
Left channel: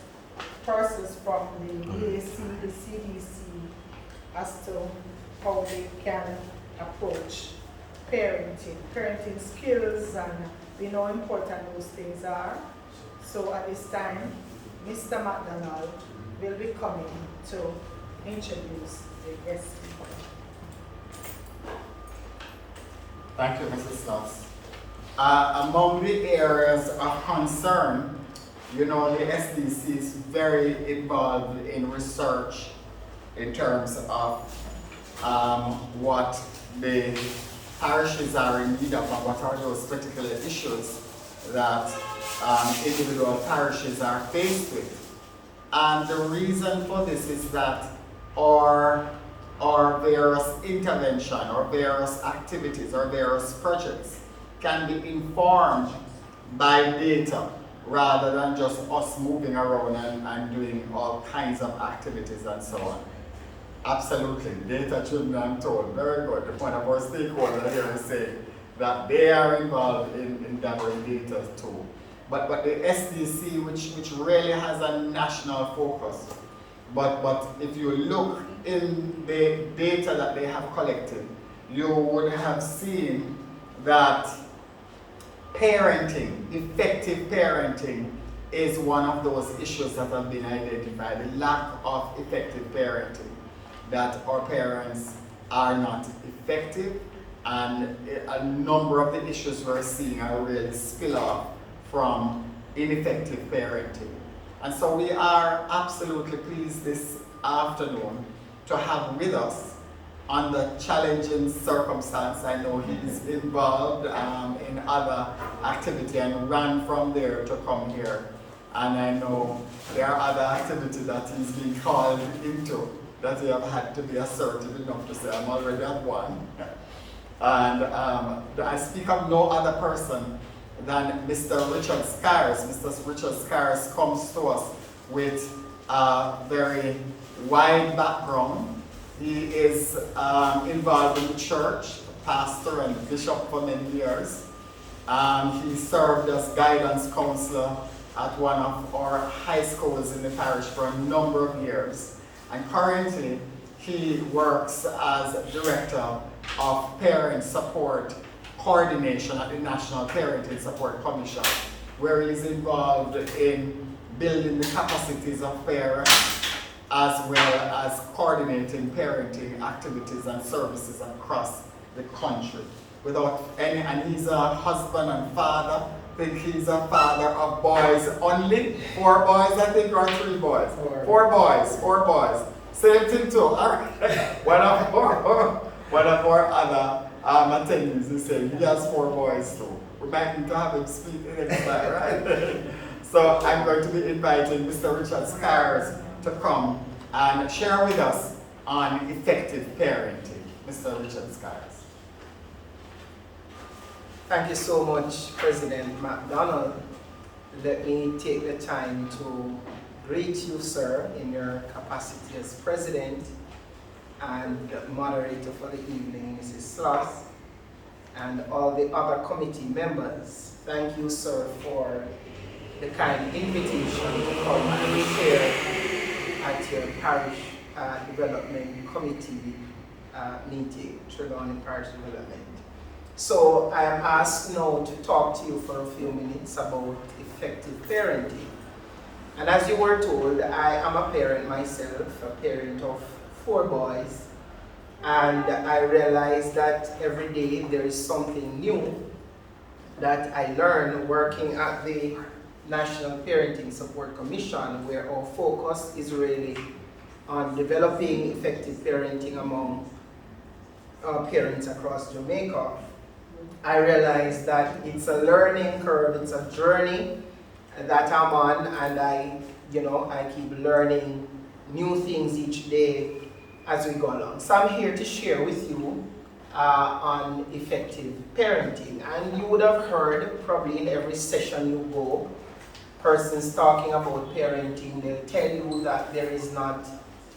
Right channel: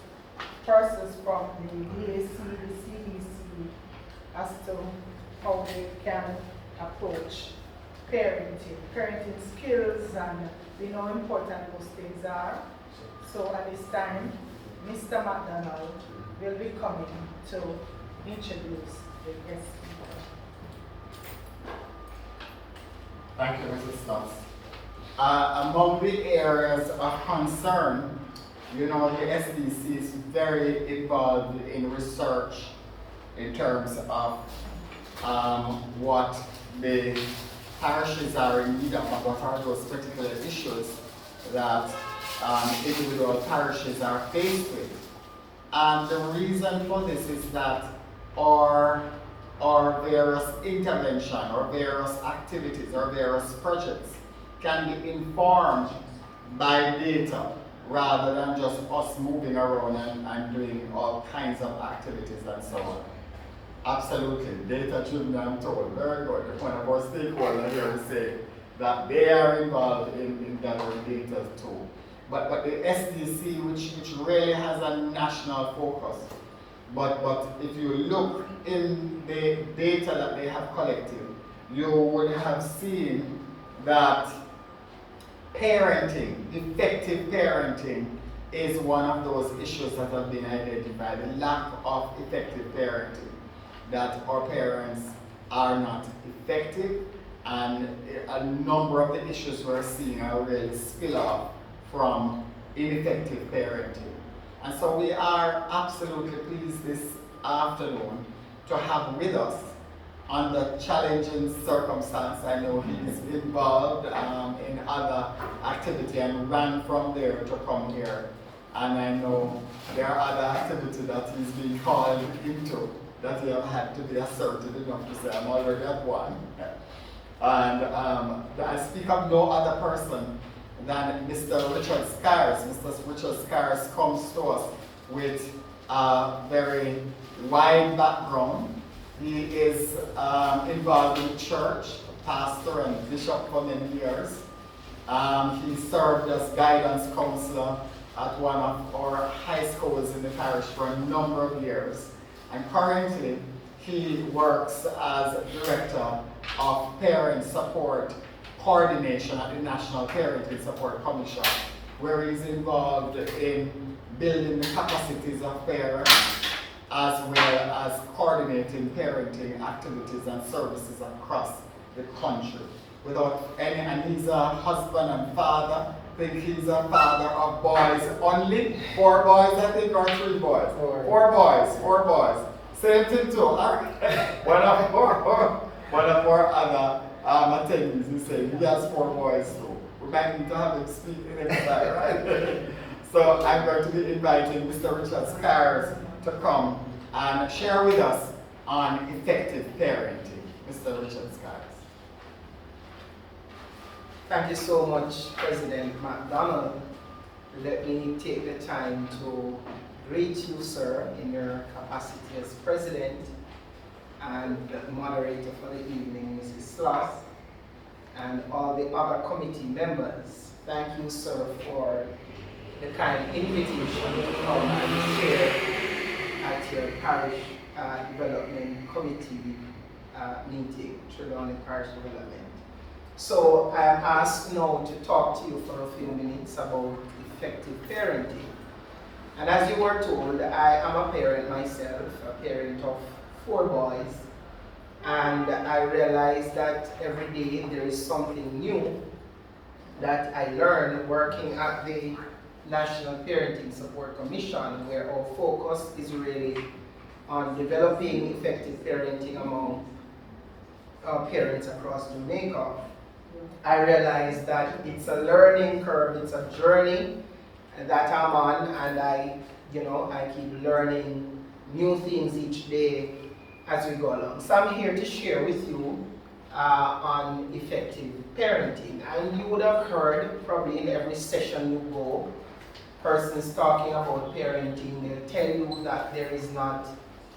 persons from the DAC, the CDC, as to how they can approach parenting skills, and we know how important those things are. So at this time, Mr. McDonald will be coming to introduce the guest speaker. Thank you, Mrs. Stotts. Among the areas of concern, you know, the SDC is very involved in research in terms of what the parishes are in need of, and what are those particular issues that individual parishes are faced with. And the reason for this is that our various intervention, or various activities, or various projects can be informed by data rather than just us moving around and doing all kinds of activities and so on. Absolutely, data driven, I'm told. Very good. One of our stakeholders here is saying that they are involved in gathering data too. But the SDC, which really has a national focus, but if you look in the data that they have collected, you would have seen that parenting, effective parenting, is one of those issues that have been identified. The lack of effective parenting, that our parents are not effective, and a number of the issues we're seeing are really spill off from ineffective parenting. And so we are absolutely pleased this afternoon to have with us, under challenging circumstance. I know he's involved in other activity and ran from there to come here. And I know there are other activities that he's been called into that he have had to be assertive enough to say, I'm already at one. And I speak of no other person than Mr. Richard Scares. Mr. Richard Scares comes to us with a very wide background. He is involved in the church, pastor and bishop for many years. He served as guidance counselor at one of our high schools in the parish for a number of years. And currently, he works as director of parent support coordination at the National Parenting Support Commission, where he's involved in building the capacities of parents, as well as coordinating parenting activities and services across the country. without any, and he's a husband and father. I think he's a father of boys only. 4 boys, I think, or 3 boys? 4 boys, 4 boys. Same thing too. One of our other attendees is saying he has 4 boys too. We might need to have him speak in next time, right? So I'm going to be inviting Mr. Richard Skiles to come and share with us on effective parenting. Mr. Richard Skiles. Thank you so much, President McDonald. Let me take the time to greet you, sir, in your capacity as President and moderator for the evening, Mrs. Sloss, and all the other committee members. Thank you, sir, for the kind invitation to come and share at your Parish Development Committee meeting, Trelawny Parish Development. So I am asked now to talk to you for a few minutes about effective parenting. And as you were told, I am a parent myself, a parent of 4 boys. And I realize that every day there is something new that I learn working at the National Parenting Support Commission, where our focus is really on developing effective parenting among parents across Jamaica. I realize that it's a learning curve, it's a journey that I'm on, and I keep learning new things each day as we go along. So I'm here to share with you on effective parenting. And you would have heard probably in every session you go, persons talking about parenting, they'll tell you that there is not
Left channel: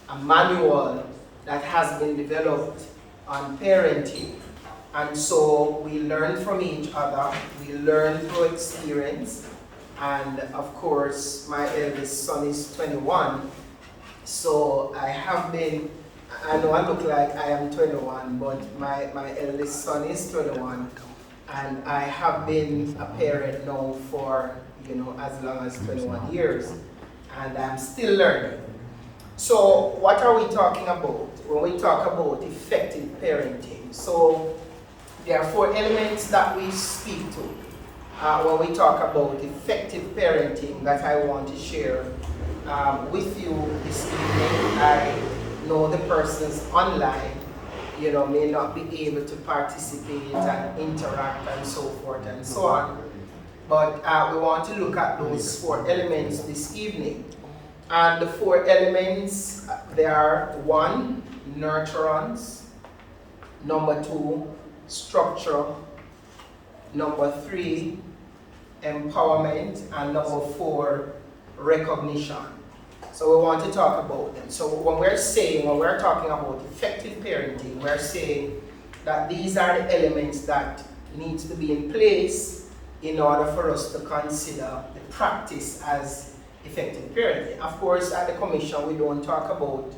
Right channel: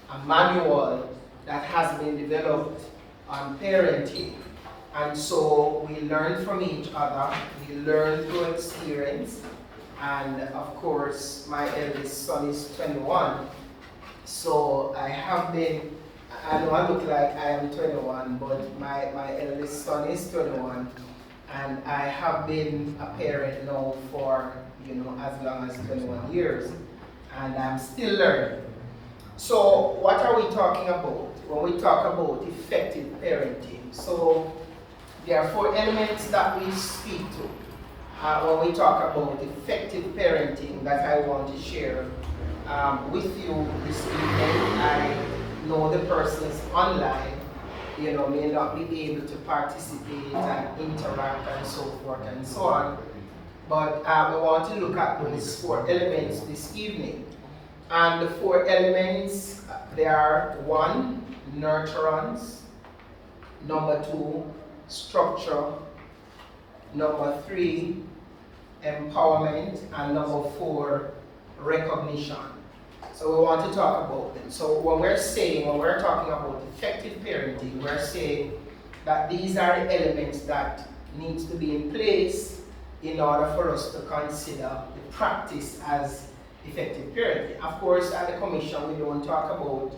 a manual that has been developed on parenting. And so we learn from each other, we learn through experience, and of course my eldest son is 21, so I know I look like I am 21, but my eldest son is 21, and I have been a parent now for as long as 21 years, and I'm still learning. So what are we talking about when we talk about effective parenting? So there are 4 elements that we speak to when we talk about effective parenting that I want to share with you this evening. I know the persons online, may not be able to participate and interact and so forth and so on. But we want to look at those 4 elements this evening. And the 4 elements, they are 1, nurturance, number 2, structure, number 3, empowerment, and number 4, recognition. So we want to talk about them. So when we're talking about effective parenting, we're saying that these are the elements that needs to be in place in order for us to consider the practice as effective parenting. Of course, at the Commission, we don't talk about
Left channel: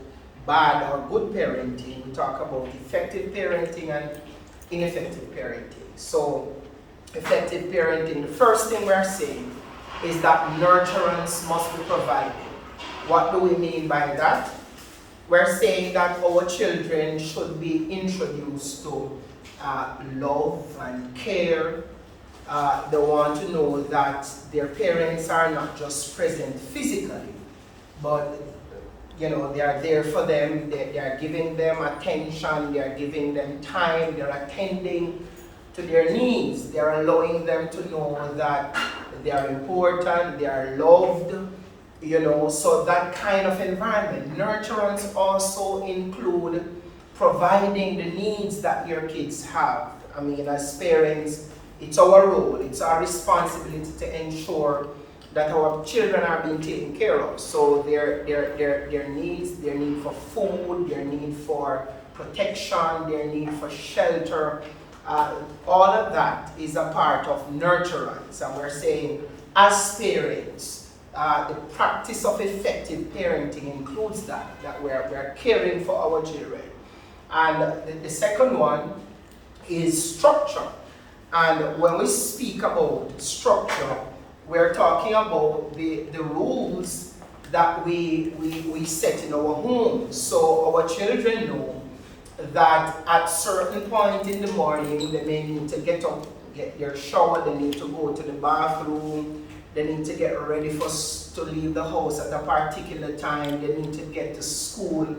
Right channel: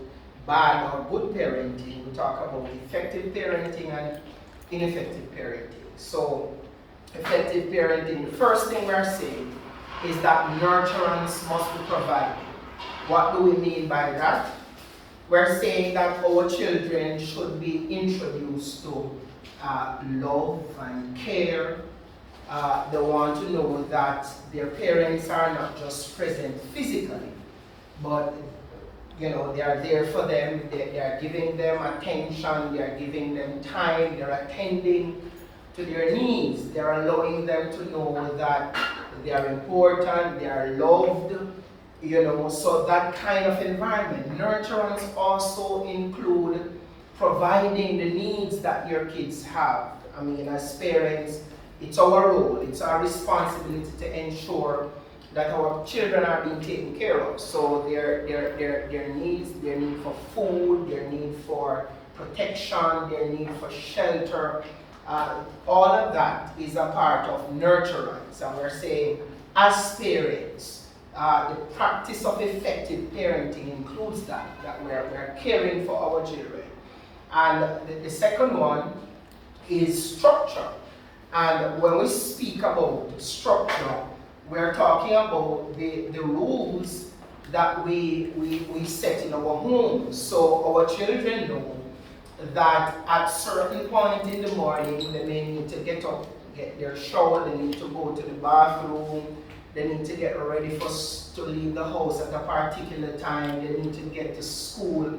bad or good parenting. We talk about effective parenting and ineffective parenting. So, effective parenting, the first thing we're saying is that nurturance must be provided. What do we mean by that? We're saying that our children should be introduced to love and care. They want to know that their parents are not just present physically, but they are there for them. They are giving them attention, they are giving them time, they're attending to their needs. They are allowing them to know that they are important, they are loved, so that kind of environment. Nurturance also include providing the needs that your kids have. I mean, as parents, it's our role, it's our responsibility to ensure that our children are being taken care of. So their needs, their need for food, their need for protection, their need for shelter, all of that is a part of nurturance. And we're saying, as parents, the practice of effective parenting includes that we're caring for our children. And the second one is structure. And when we speak about structure, we're talking about the rules that we set in our homes. So our children know that at certain point in the morning, they may need to get up, get their shower, they need to go to the bathroom, they need to get ready to leave the house at a particular time, they need to get to school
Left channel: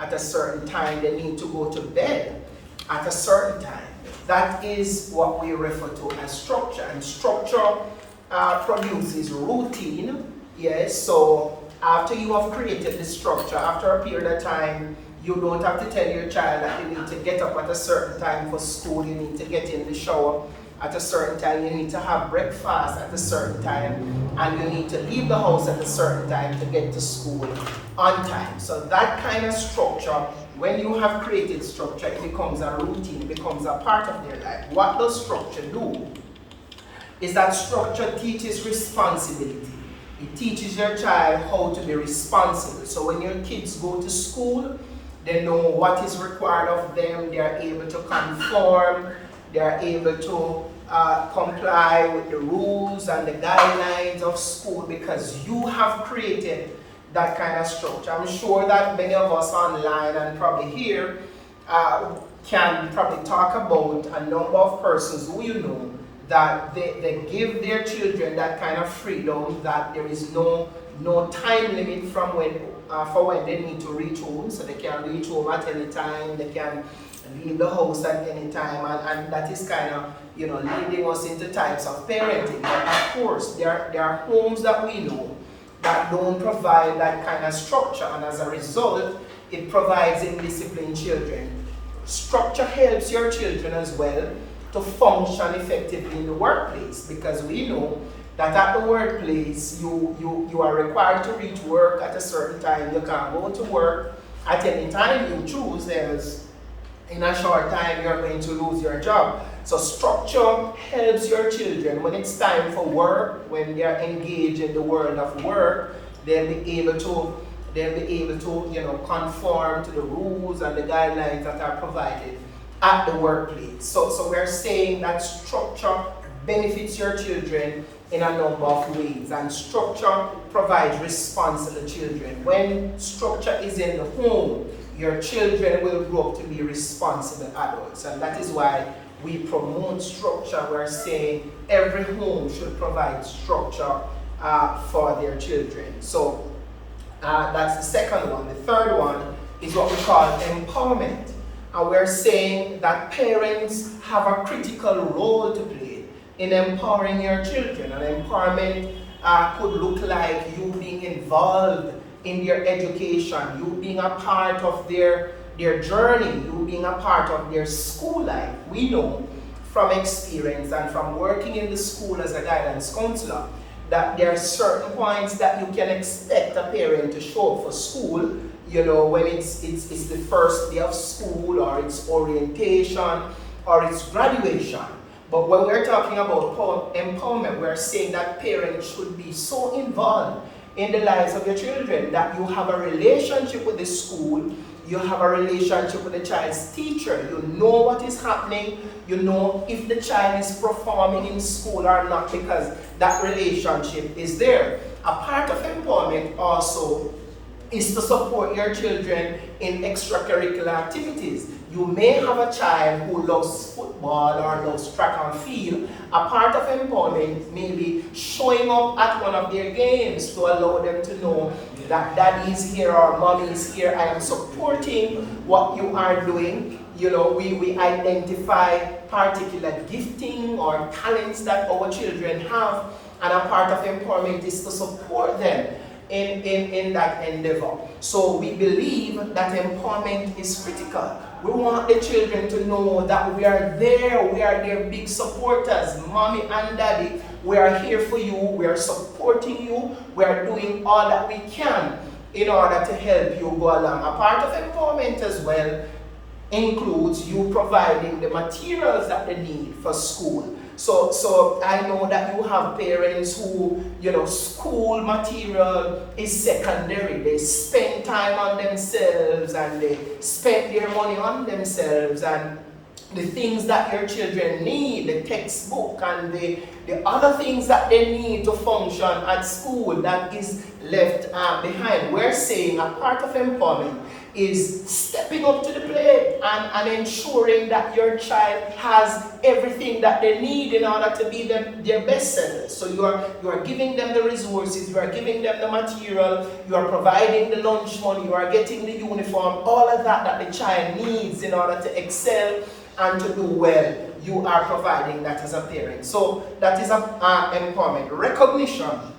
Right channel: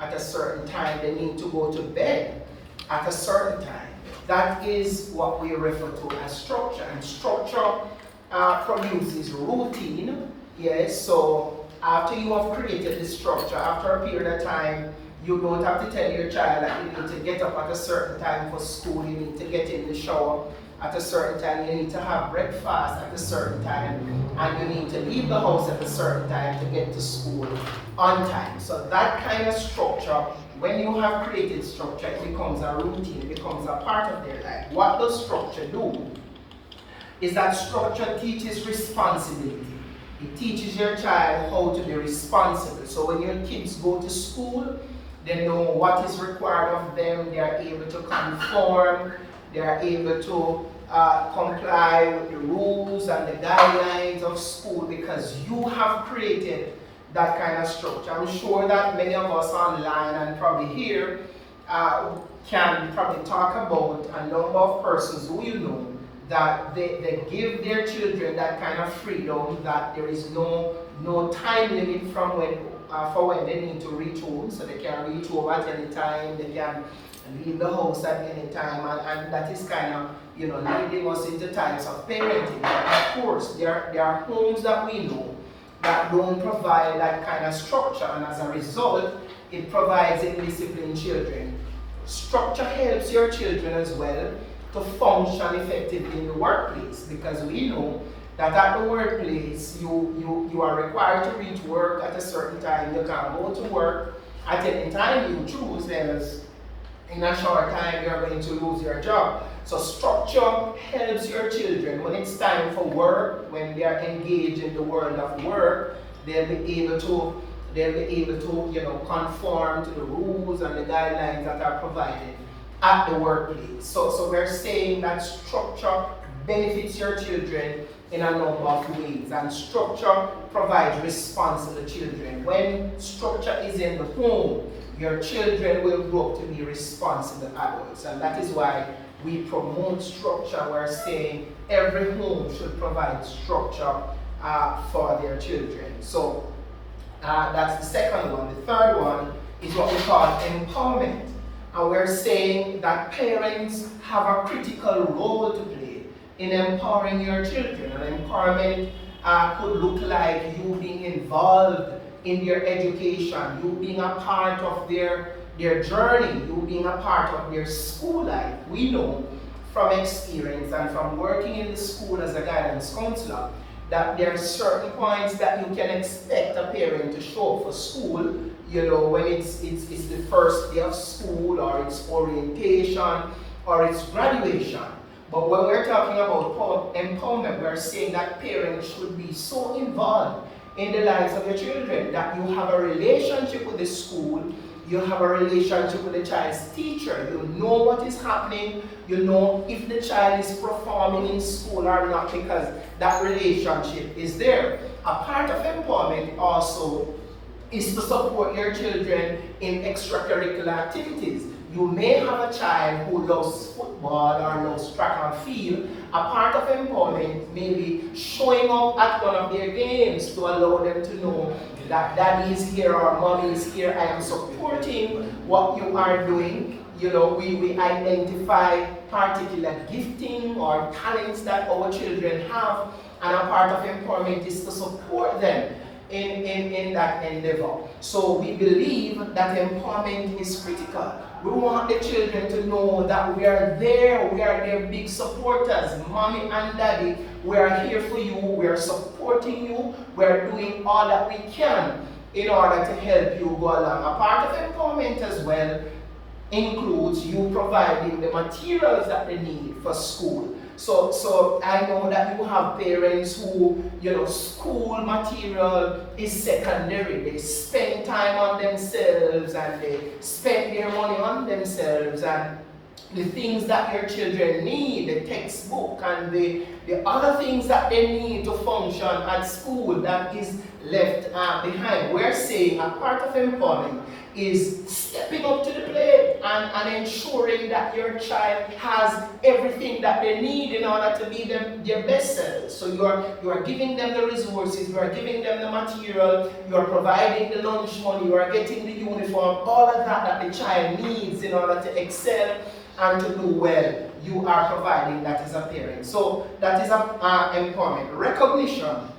at a certain time, they need to go to bed at a certain time. That is what we refer to as structure, and structure produces routine. Yes, so after you have created the structure, after a period of time, you don't have to tell your child that you need to get up at a certain time for school, you need to get in the shower at a certain time, you need to have breakfast at a certain time, and you need to leave the house at a certain time to get to school on time. So that kind of structure, when you have created structure, it becomes a routine, it becomes a part of their life. What does structure do? Is that structure teaches responsibility. It teaches your child how to be responsible. So when your kids go to school, they know what is required of them, they are able to conform, they are able to comply with the rules and the guidelines of school because you have created that kind of structure. I'm sure that many of us online and probably here can probably talk about a number of persons who you know that they give their children that kind of freedom, that there is no time limit from when for when they need to reach home, so they can reach home at any time, they can leave the house at any time, and that is kind of, you know, leading us into types of parenting. But of course, there are homes that we know that don't provide that kind of structure, and as a result, it provides indisciplined children. Structure helps your children as well to function effectively in the workplace, because we know that at the workplace, you are required to reach work at a certain time. You can't go to work at any time you choose, else in a short time you're going to lose your job. So structure helps your children when it's time for work, when they're engaged in the world of work, they'll be able to you know, conform to the rules and the guidelines that are provided at the workplace. So we're saying that structure benefits your children in a number of ways, and structure provides responsible children. When structure is in the home, your children will grow up to be responsible adults, and that is why we promote structure. We're saying every home should provide structure for their children. So that's the second one. The third one is what we call empowerment, and we're saying that parents have a critical role to play in empowering your children. And empowerment could look like you being involved in their education, you being a part of their journey, you being a part of their school life. We know from experience and from working in the school as a guidance counselor that there are certain points that you can expect a parent to show up for school, you know, when it's the first day of school, or it's orientation, or it's graduation. But when we're talking about empowerment, we're saying that parents should be so involved in the lives of your children that you have a relationship with the school, you have a relationship with the child's teacher, you know what is happening, you know if the child is performing in school or not, because that relationship is there. A part of empowerment also is to support your children in extracurricular activities. You may have a child who loves football or loves track and field. A part of empowerment may be showing up at one of their games to allow them to know that daddy is here or mommy is here. I am supporting what you are doing. You know, we identify particular gifting or talents that our children have, and a part of empowerment is to support them in that endeavor. So we believe that empowerment is critical. We want the children to know that we are there, we are their big supporters. Mommy and daddy, we are here for you, we are supporting you, we are doing all that we can in order to help you go along. A part of empowerment as well includes you providing the materials that they need for school. So I know that you have parents who, you know, school material is secondary. They spend time on themselves and they spend their money on themselves, and the things that your children need, the textbook and the other things that they need to function at school that is left behind. We're saying a part of empowerment is stepping up to the plate and ensuring that your child has everything that they need in order to be their best selves. So you are giving them the resources, you are giving them the material, you are providing the lunch money, you are getting the uniform, all of that the child needs in order to excel and to do well. You are providing that as a parent. So that is empowerment. Recognition.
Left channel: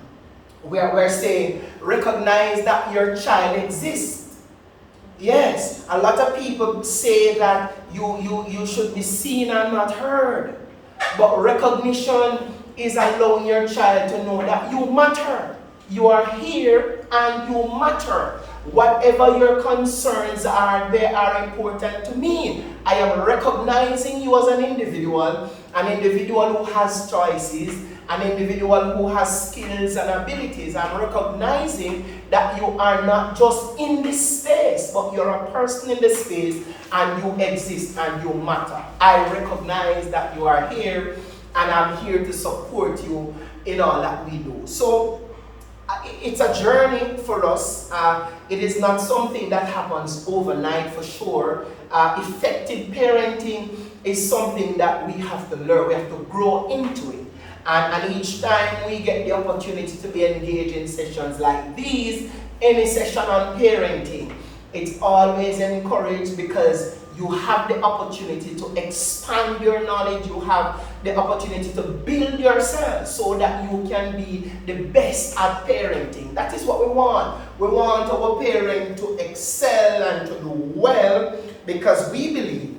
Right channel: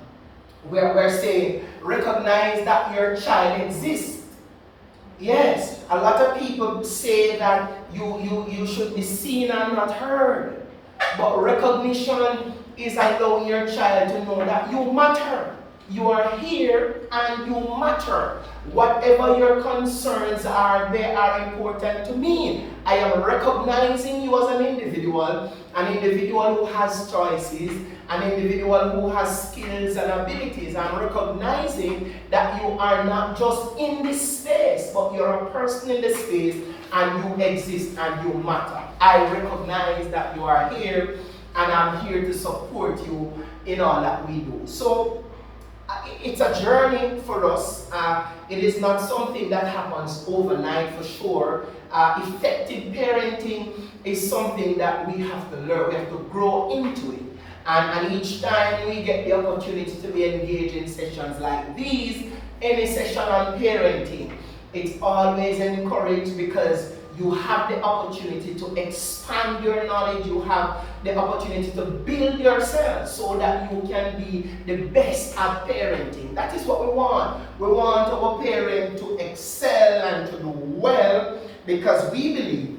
We're saying recognize that your child exists. Yes, a lot of people say that you should be seen and not heard. But recognition is allowing your child to know that you matter. You are here and you matter. Whatever your concerns are, they are important to me. I am recognizing you as an individual who has choices, an individual who has skills and abilities. I'm recognizing that you are not just in this space, but you're a person in this space and you exist and you matter. I recognize that you are here and I'm here to support you in all that we do. So it's a journey for us. It is not something that happens overnight for sure. Effective parenting is something that we have to learn. We have to grow into it. And each time we get the opportunity to be engaged in sessions like these, any session on parenting, it's always encouraged because you have the opportunity to expand your knowledge, you have the opportunity to build yourself so that you can be the best at parenting. That is what we want. We want our parent to excel and to do well because we believe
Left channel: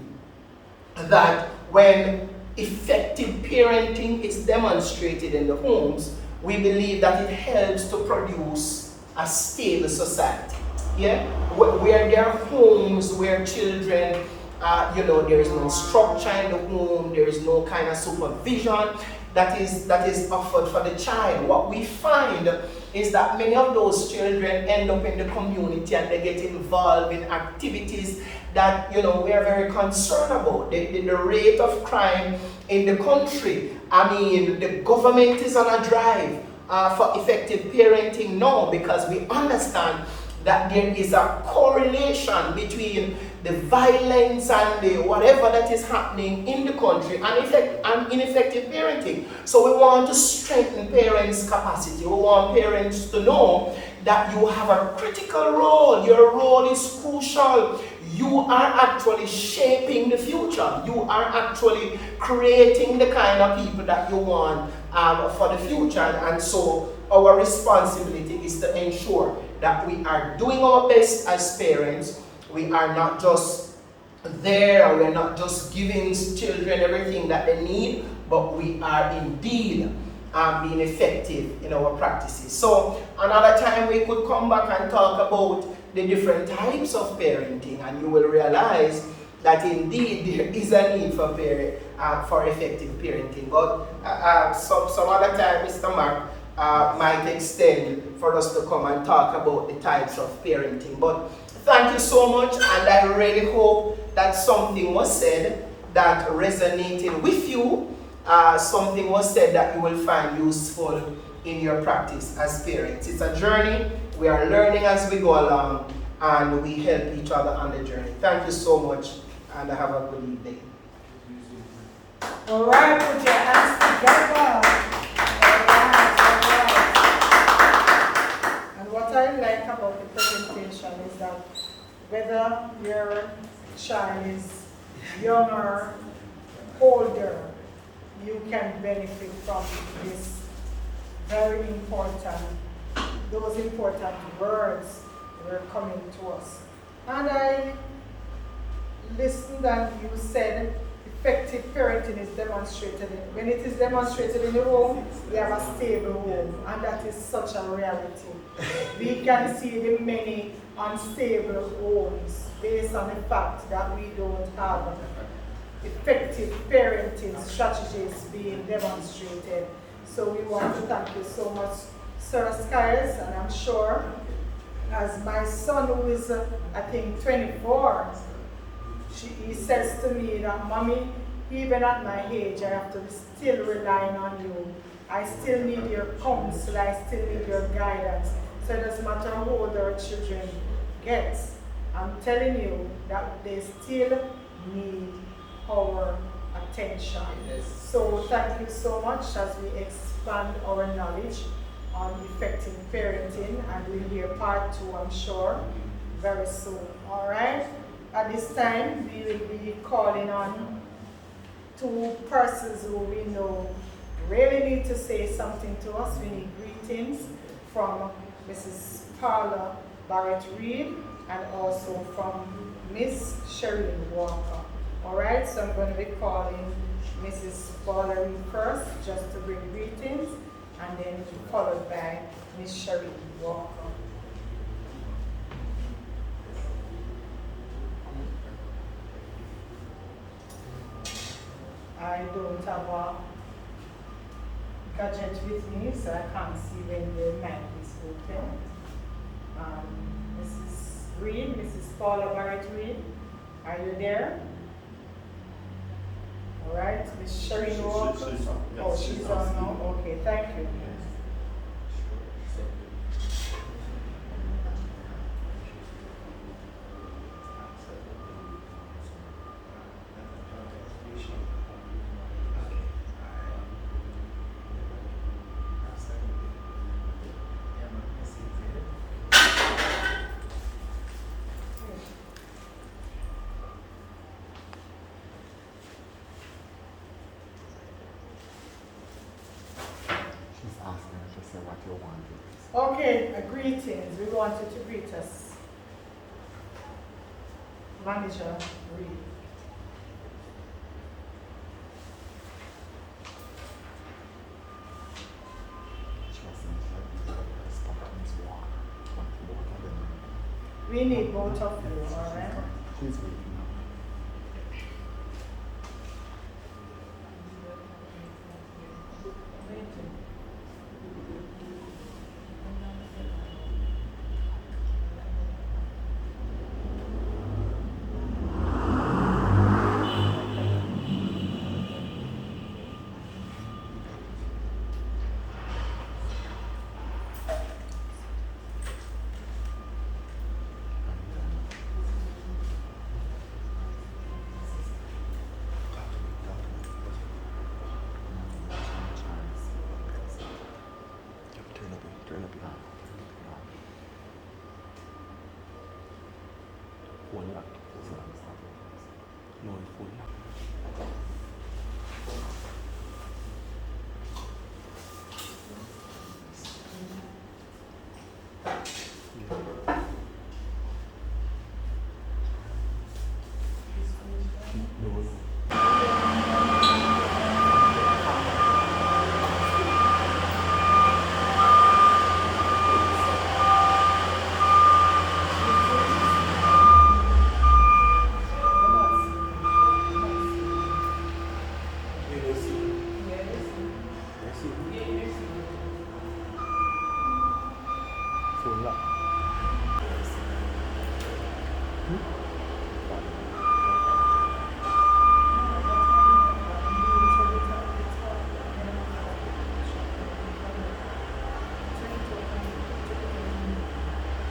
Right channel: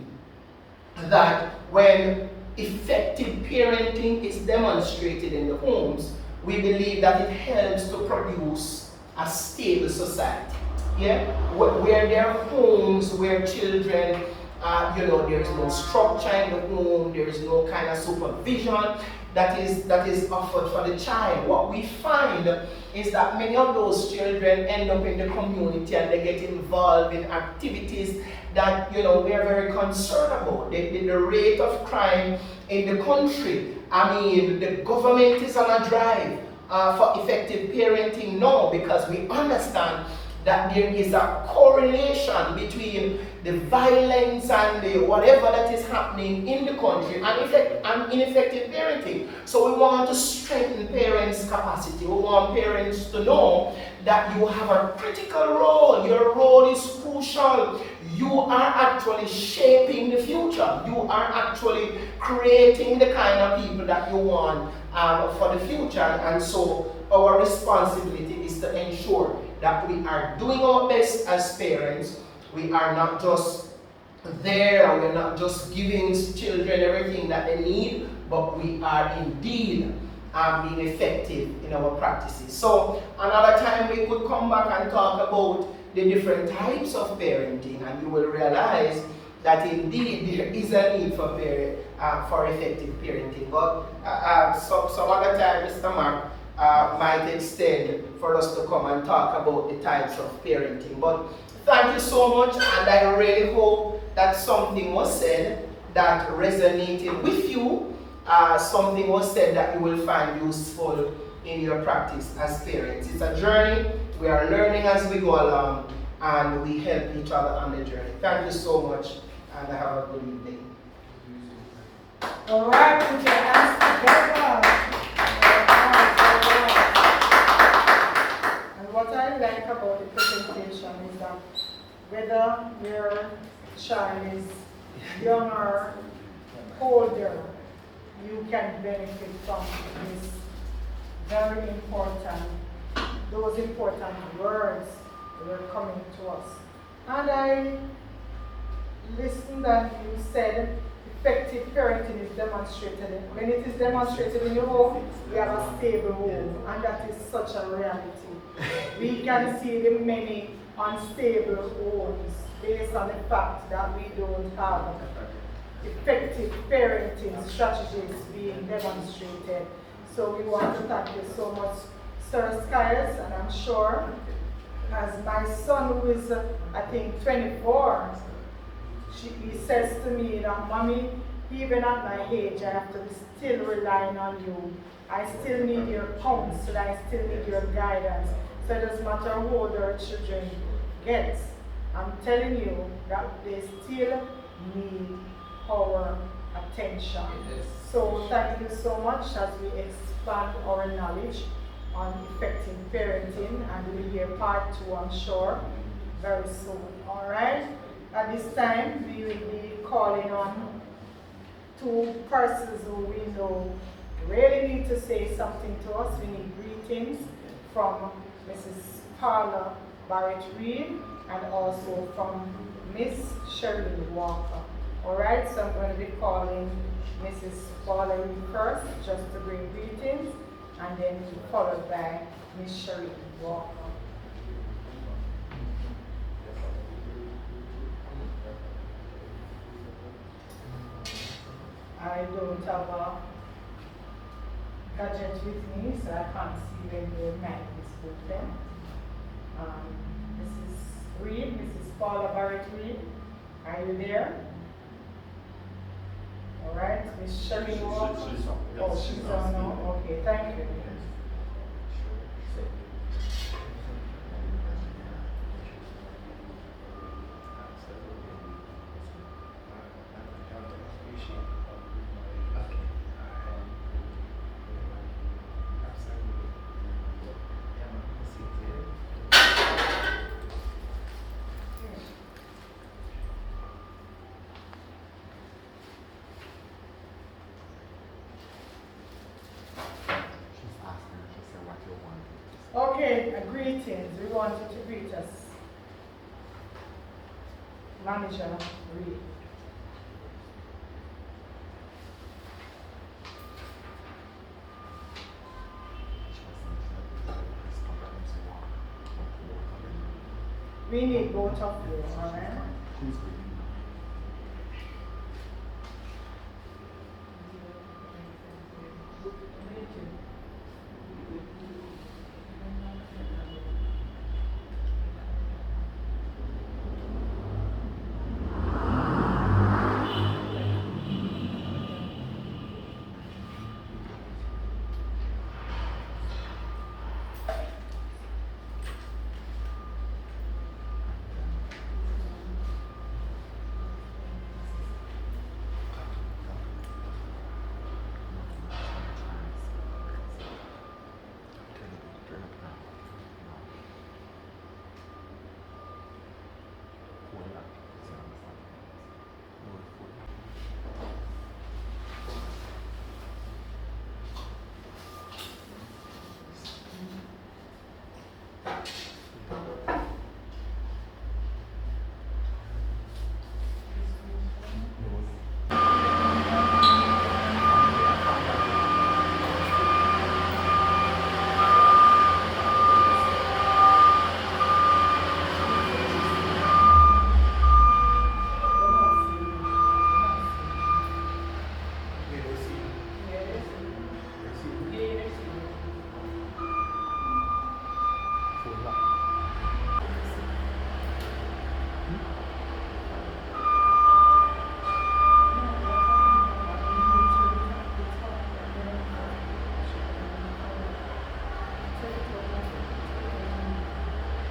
that when effective parenting is demonstrated in the homes, we believe that it helps to produce a stable society. Yeah? Where there are homes where children, there is no structure in the home, there is no kind of supervision that is offered for the child. What we find is that many of those children end up in the community and they get involved in activities that we are very concerned about. The rate of crime in the country. I mean, the government is on a drive for effective parenting now because we understand that there is a correlation between the violence and the whatever that is happening in the country and ineffective parenting. So we want to strengthen parents' capacity. We want parents to know that you have a critical role. Your role is crucial. You are actually shaping the future. You are actually creating the kind of people that you want for the future. And so our responsibility is to ensure that we are doing our best as parents. We are not just there, we are not just giving children everything that they need, but we are indeed being effective in our practices. So another time we could come back and talk about the different types of parenting, and you will realize that indeed there is a need for effective parenting. But some other time, Mr. Mark might extend for us to come and talk about the types of parenting. But thank you so much, and I really hope that something was said that resonated with you. Something was said that you will find useful in your practice as parents. It's a journey. We are learning as we go along, and we help each other on the journey. Thank you so much, and have a good evening. All right, put your hands together. And what I like about the presentation is that whether your child is young or older, you can benefit from this very important, those important words that were coming to us. And I listened and you said effective parenting is demonstrated when it is demonstrated in the home, we have a stable home, and that is such a reality. We can see the many unstable homes based on the fact that we don't have effective parenting strategies being demonstrated. So we want to thank you so much, Sir Skyers, and I'm sure as my son, who is I think 24, he says to me that, Mommy, even at my age, I have to be still relying on you. I still need your counsel, I still need your guidance. So it doesn't matter how old our children get, I'm telling you that they still need our attention. Yes. So thank you so much as we expand our knowledge on effective parenting, and we'll hear part 2, I'm sure, very soon. All right? At this time, we will be calling on 2 persons who we know really need to say something to us. We need greetings from Mrs. Paula Barrett Reed and also from Miss Shereen Walker. All right, so I'm going to be calling Mrs. Paula Reed first, just to bring greetings, and then followed by Miss Shereen Walker. I don't have a gadget with me, so I can't see when the mic is open. Mrs. Reed, Mrs. Paula Barrett Reed, are you there? All right, Miss Shereen Walker. Oh, she's on now. Okay, thank you. Okay, greetings. We want you to greet us. Manager Reed. We need both of you, all right?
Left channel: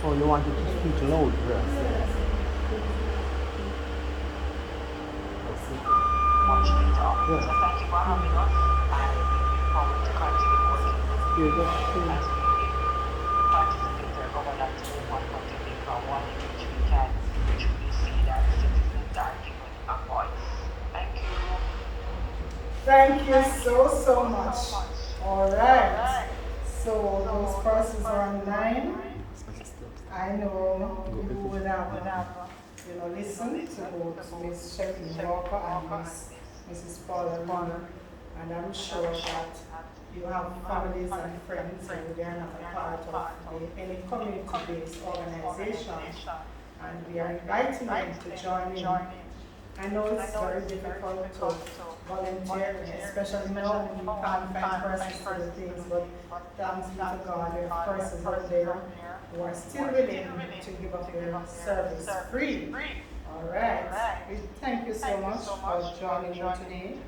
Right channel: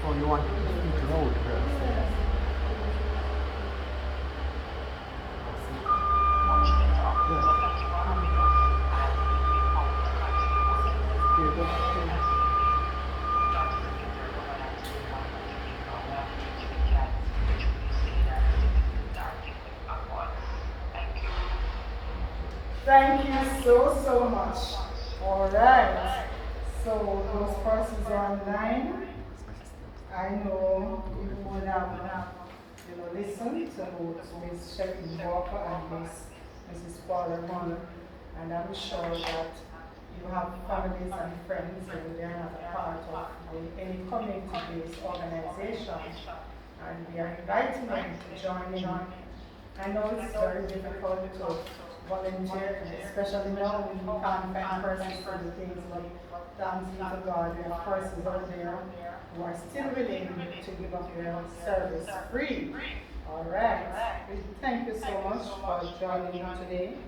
Oh, no one needs to know. So thank you for having us, and we hope to continue working as we participate in governance in one country and one which we can truly see that citizens are given a voice. Thank you. Thank you so much. All right. So those persons are online. I know you would have, listened to both Ms. Shereen Walker and Mrs. Paula Reed, and I'm sure that you have families and friends who they are not a part of any community-based organization, and we are inviting them to join in. I know it's very difficult to volunteer, especially now when we can't find persons to do things, but thanks be to God, we have persons out there who are still willing to give up their service free. All right. We thank you so much for joining me today.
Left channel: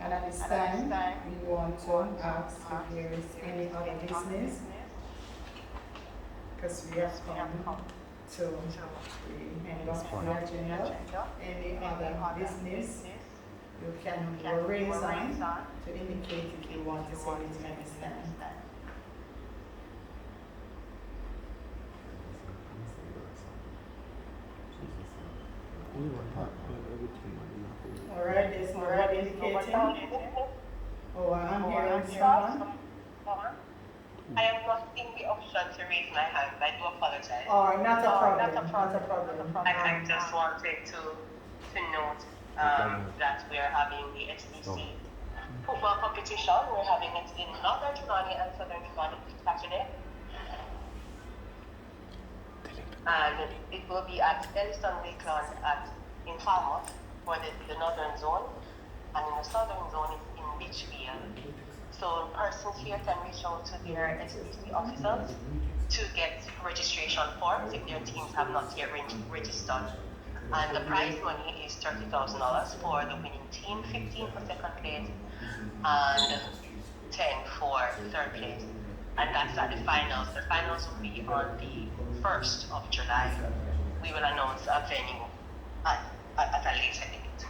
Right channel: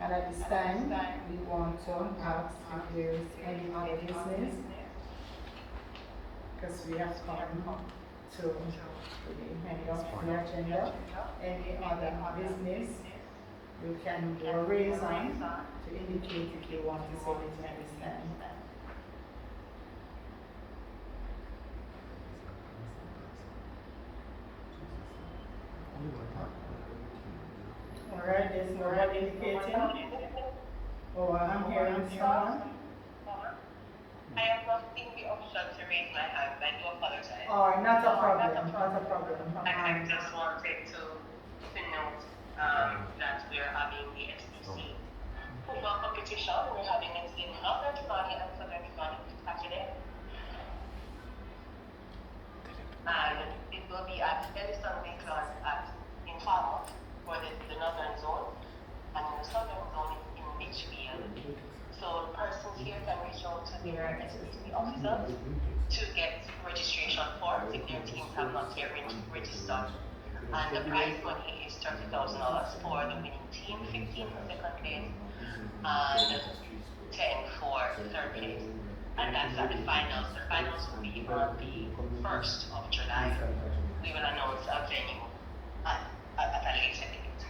And at this time, we want to ask if there is any other business, because we have come to the end of the agenda. Any other business, you can raise hand to indicate if you want to say anything at this time. All right, there's no one indicating. Oh, I'm hearing someone. I am not in the option to raise my hand. I do apologize. Oh, not a problem. Not a problem. I just wanted to note that we are having the STC football competition. We're having it in Northern Trelawny and Southern Trelawny Saturday. And it will be at Elliston Wakeland in Falmouth for the northern zone, and in the southern zone is in Beachfield. So persons here can reach out to their STC officers to get registration forms if their teams have not yet registered. And the prize money is $30,000 for the winning team, 15 for second place, and 10 for third place. And that's at the finals. The finals will be on the 1st of July. We will announce a venue at a later date.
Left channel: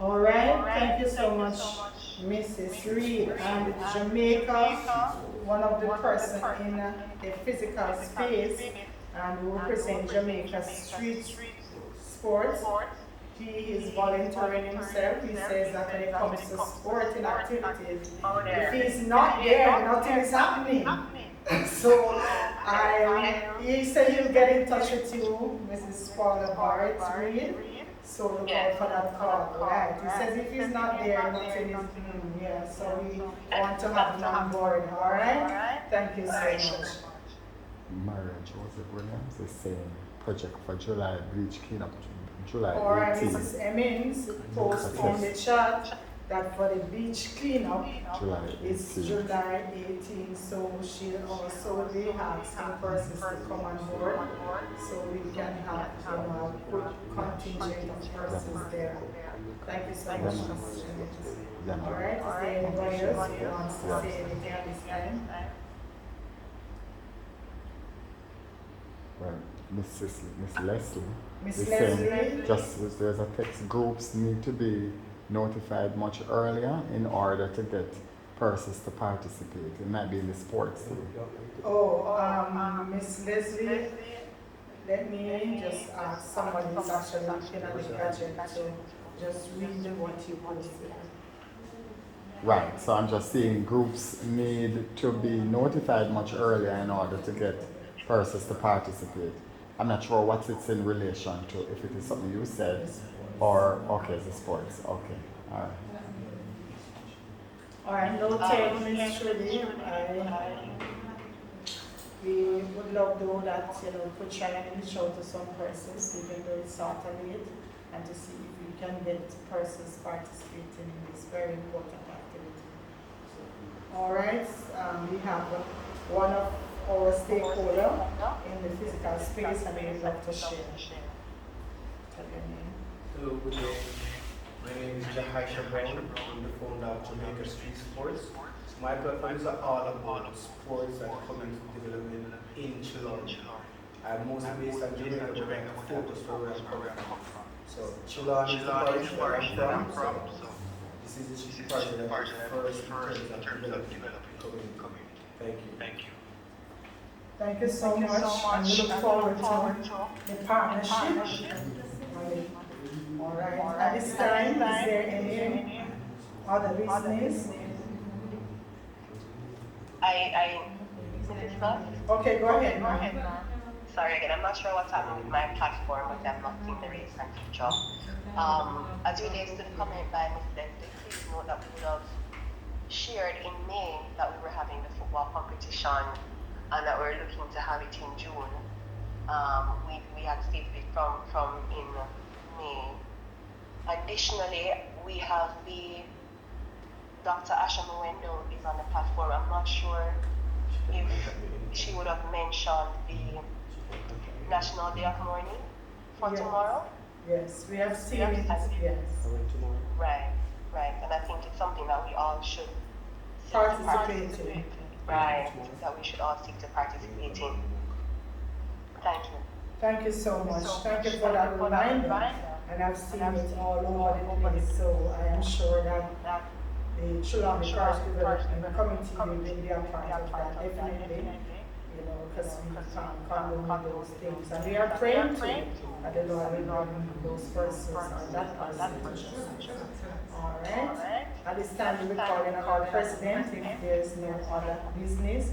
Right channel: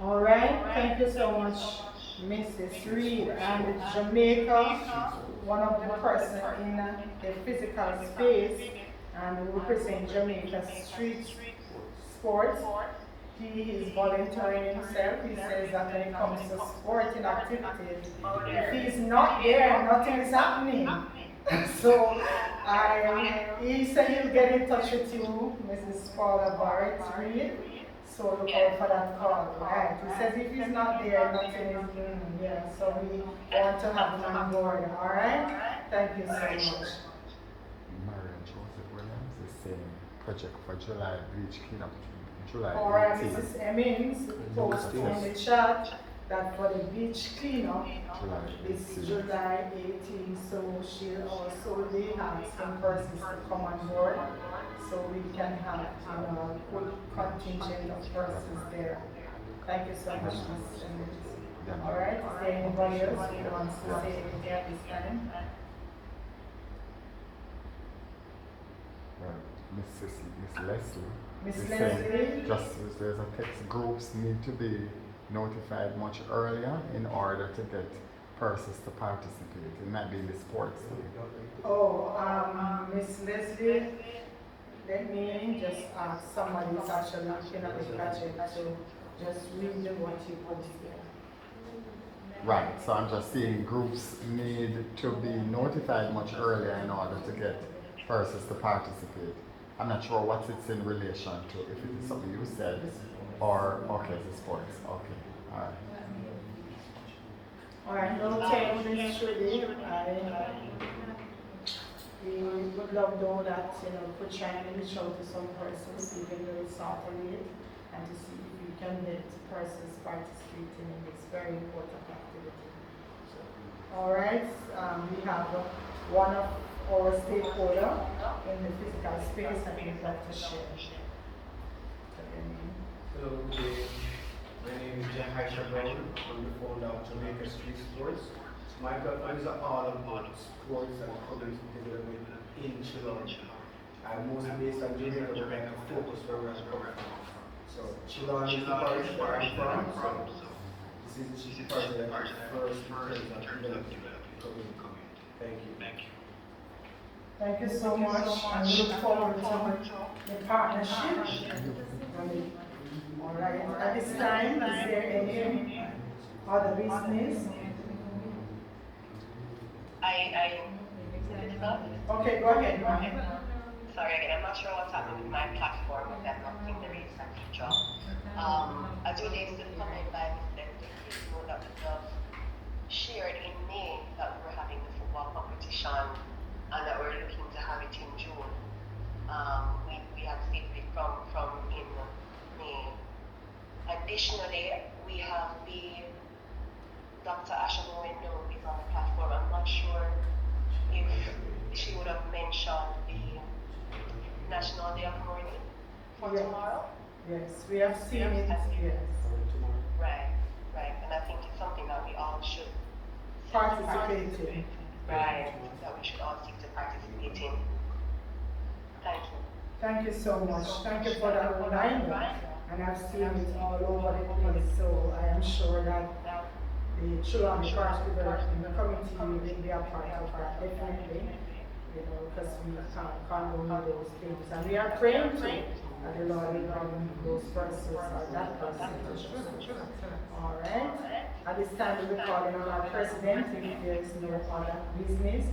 All right, thank you so much, Mrs. Reed. And Jamaica, one of the person in a physical space, and we represent Jamaica Streets Sports. He is volunteering himself. He says that when it comes to sporting activities, if he's not there, nothing is happening. So he said he'll get in touch with you, Mrs. Paula Barrett Reed. So look out for that call, right? He says if he's not there, nothing is yeah. So we want to have him on board, all right? Thank you so much. Marriage was it Williams, the same project for July beach cleanup. July All right, 18th. Mrs. Emmons posted in the chat that for the beach cleanup, it's July 18th, so she'll also be asking persons to come on board, so we can have, a good contingent of persons there. Thank you so much, Mrs. Emmons. All right, is there anybody else who wants to say anything at this time? Miss Leslie. Miss is Leslie? saying just as there's a text, groups need to be notified much earlier in order to get persons to participate. It might be in the sports team. Oh, Miss Leslie, let me just ask somebody who's actually looking at the project to just read what you posted. Right, so I'm just saying groups need to be notified much earlier in order to get persons to participate. I'm not sure what it's in relation to, if it is something you said, or, okay, the sports, okay, all right. All right, no time, Ms. Trudy. We would love though that, could try and reach out to some persons, even though it's not late, and to see if we can get persons participating in this very important activity. All right, we have one of our stakeholder in the physical space, and we'd love to share. Tell your name. Hello, good day. My name is JAMAICA Brown. I'm the founder of Jamaica Streets Sports. My platform is all about sports and community development in Trelawny. I'm mostly based on Jamaica, but I focus for where I'm coming from. So Trelawny is the parish where I'm from. So this is the parish that I first encourage and develop community. Thank you. Thank you so much, and we look forward to the partnership. All right, at this time, is there any other business? Okay, go ahead, ma'am. Sorry again, I'm not sure what's happening with my platform, but I'm not seeing the raise and feature. As relates to the comment by Ms. Lecter, please note that we would have shared in May that we were having the football competition and that we're looking to have it in June. We had stated it from in May. Additionally, we have Dr. Asha Mwendo is on the platform. I'm not sure if she would have mentioned the National Day of Mourning for Yes. tomorrow? Yes, we have seen it. Yes. Right, right. And I think it's something that we all should Participating. right, that we should all stick to participating. Thank you. Thank you so much. Thank you for that reminder. And I've seen it all over the place, so I am sure that the Trelawny Parish Development Committee will be a part of that, definitely. You know, because we can't condone those things. And we are praying to the Lord will bring those persons or that person to justice. All right. At this time, we'll be calling on our president if there is no other business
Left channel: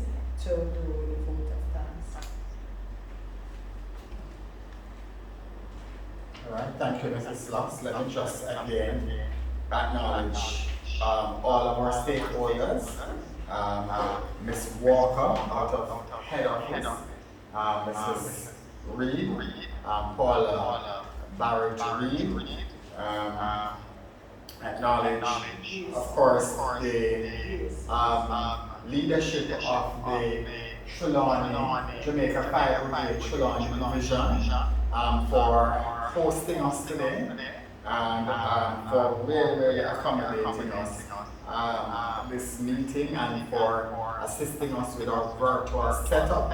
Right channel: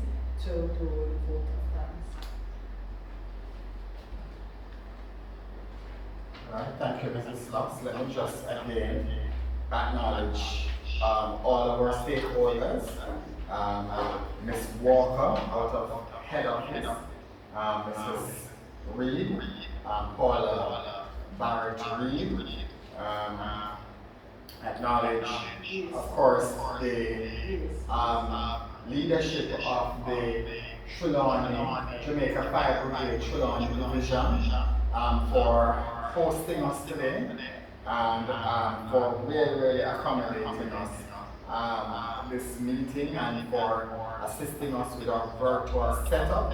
to do the vote of thanks. All right, thank you, Mrs. Lux. Let me just again acknowledge all of our stakeholders. Ms. Walker out of head office, Mrs. Reed, Paula Barrett Reed, acknowledge, of course, the leadership of the Trelawny, Jamaica Fire Brigade Trelawny Division for hosting us today and for really accommodating us this meeting and for assisting us with our virtual setup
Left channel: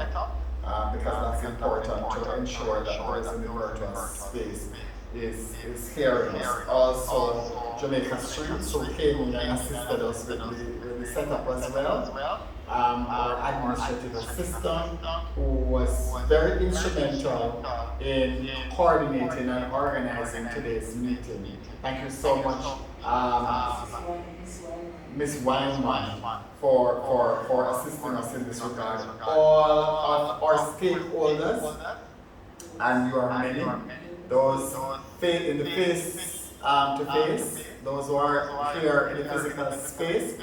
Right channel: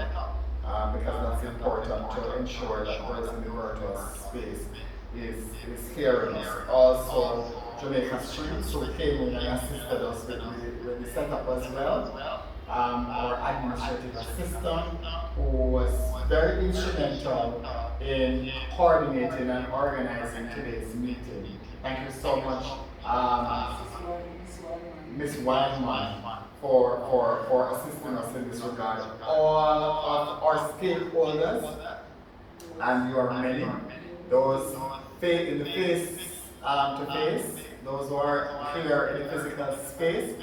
because that's important to ensure that those in the virtual space is hearing us. Also, Jamaica Streets, who came in and assisted us with the setup as well. Our administrative assistant, who was very instrumental in coordinating and organizing today's meeting. Thank you so much, Ms. Wildman, for assisting us in this regard. All of our stakeholders, and you are many, those in the face to face, those who are here in the physical space,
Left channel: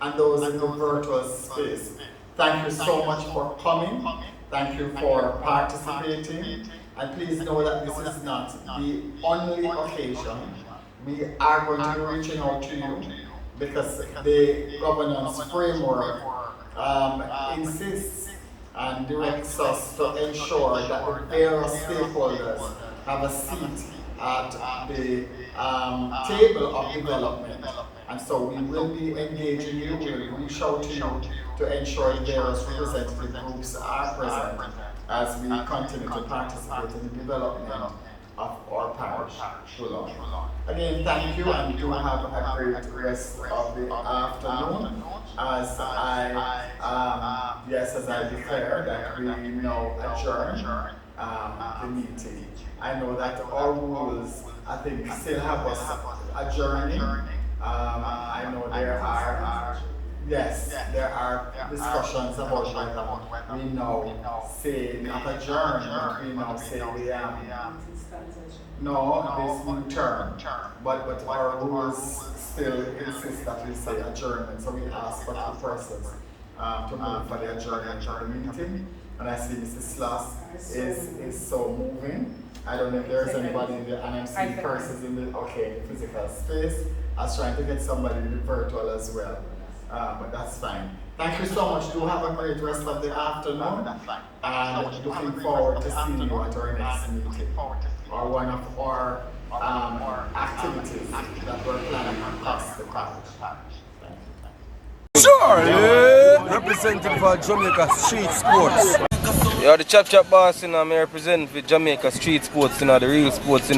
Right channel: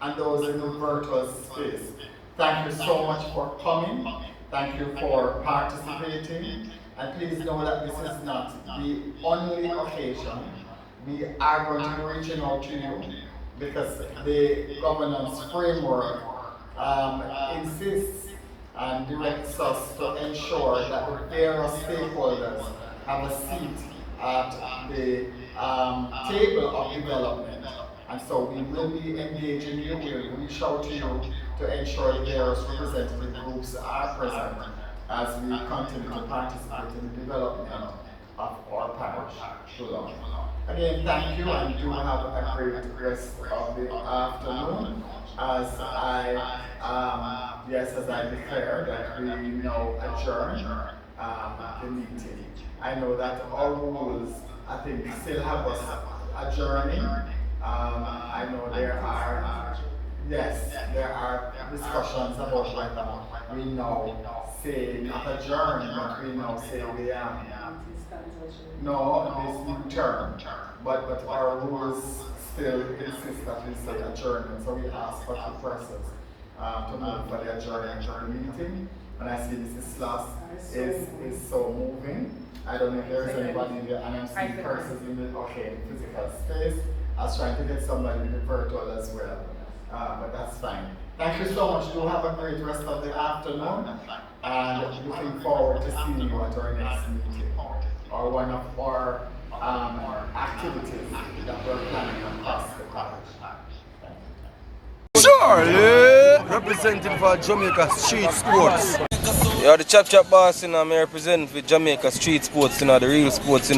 and those in the virtual space. Thank you so much for coming. Thank you for participating. And please know that this is not the only occasion. We are going to be reaching out to you because the governance framework insists and directs us to ensure that the various stakeholders have a seat at the table of development. And so we will be engaging you, we will reach out to you to ensure the various representative groups are present as we continue to participate in the development of our parish. Again, thank you, and do have a great rest of the afternoon. As I declare that we now adjourn the meeting. I know that our rules, I think, still have us adjourning. I know there are discussions about whether we now say not adjourn, but we now say this new term. But our rules still insist that we say adjournment, so we ask for two persons to move for the adjournment of the meeting. And I see Mrs. Sloss is so moving. I don't know if there's anybody in the NMC persons in the physical space. I was trying to get somebody in the virtual as well. But that's fine. Thank you so much. Do have a great rest of the afternoon. And looking forward to seeing you at our next meeting. Or one of our activities that we're planning across the parish. Thank you. Charlie! Representing for Jamaica Street Sports. Yeah, the Chap boss, I'm representing for Jamaica Street Sports, the real sports,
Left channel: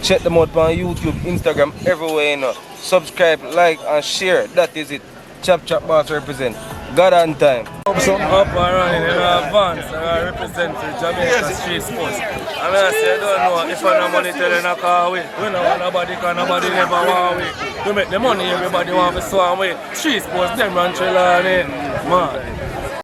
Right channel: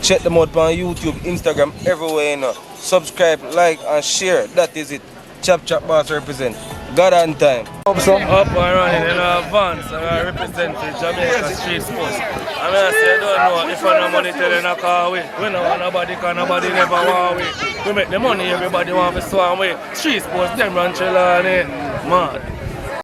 Check them out on YouTube, Instagram, everywhere, Subscribe, like, and share. That is it. Chap boss represent. God on time. Up and running in advance, and I represent for Jamaica Street Sports. I mean, I say, I don't know if I no money telling a car away. We don't want nobody, because nobody never want away. We make the money, everybody want to swam away. Street Sports, them run Trelawny, man.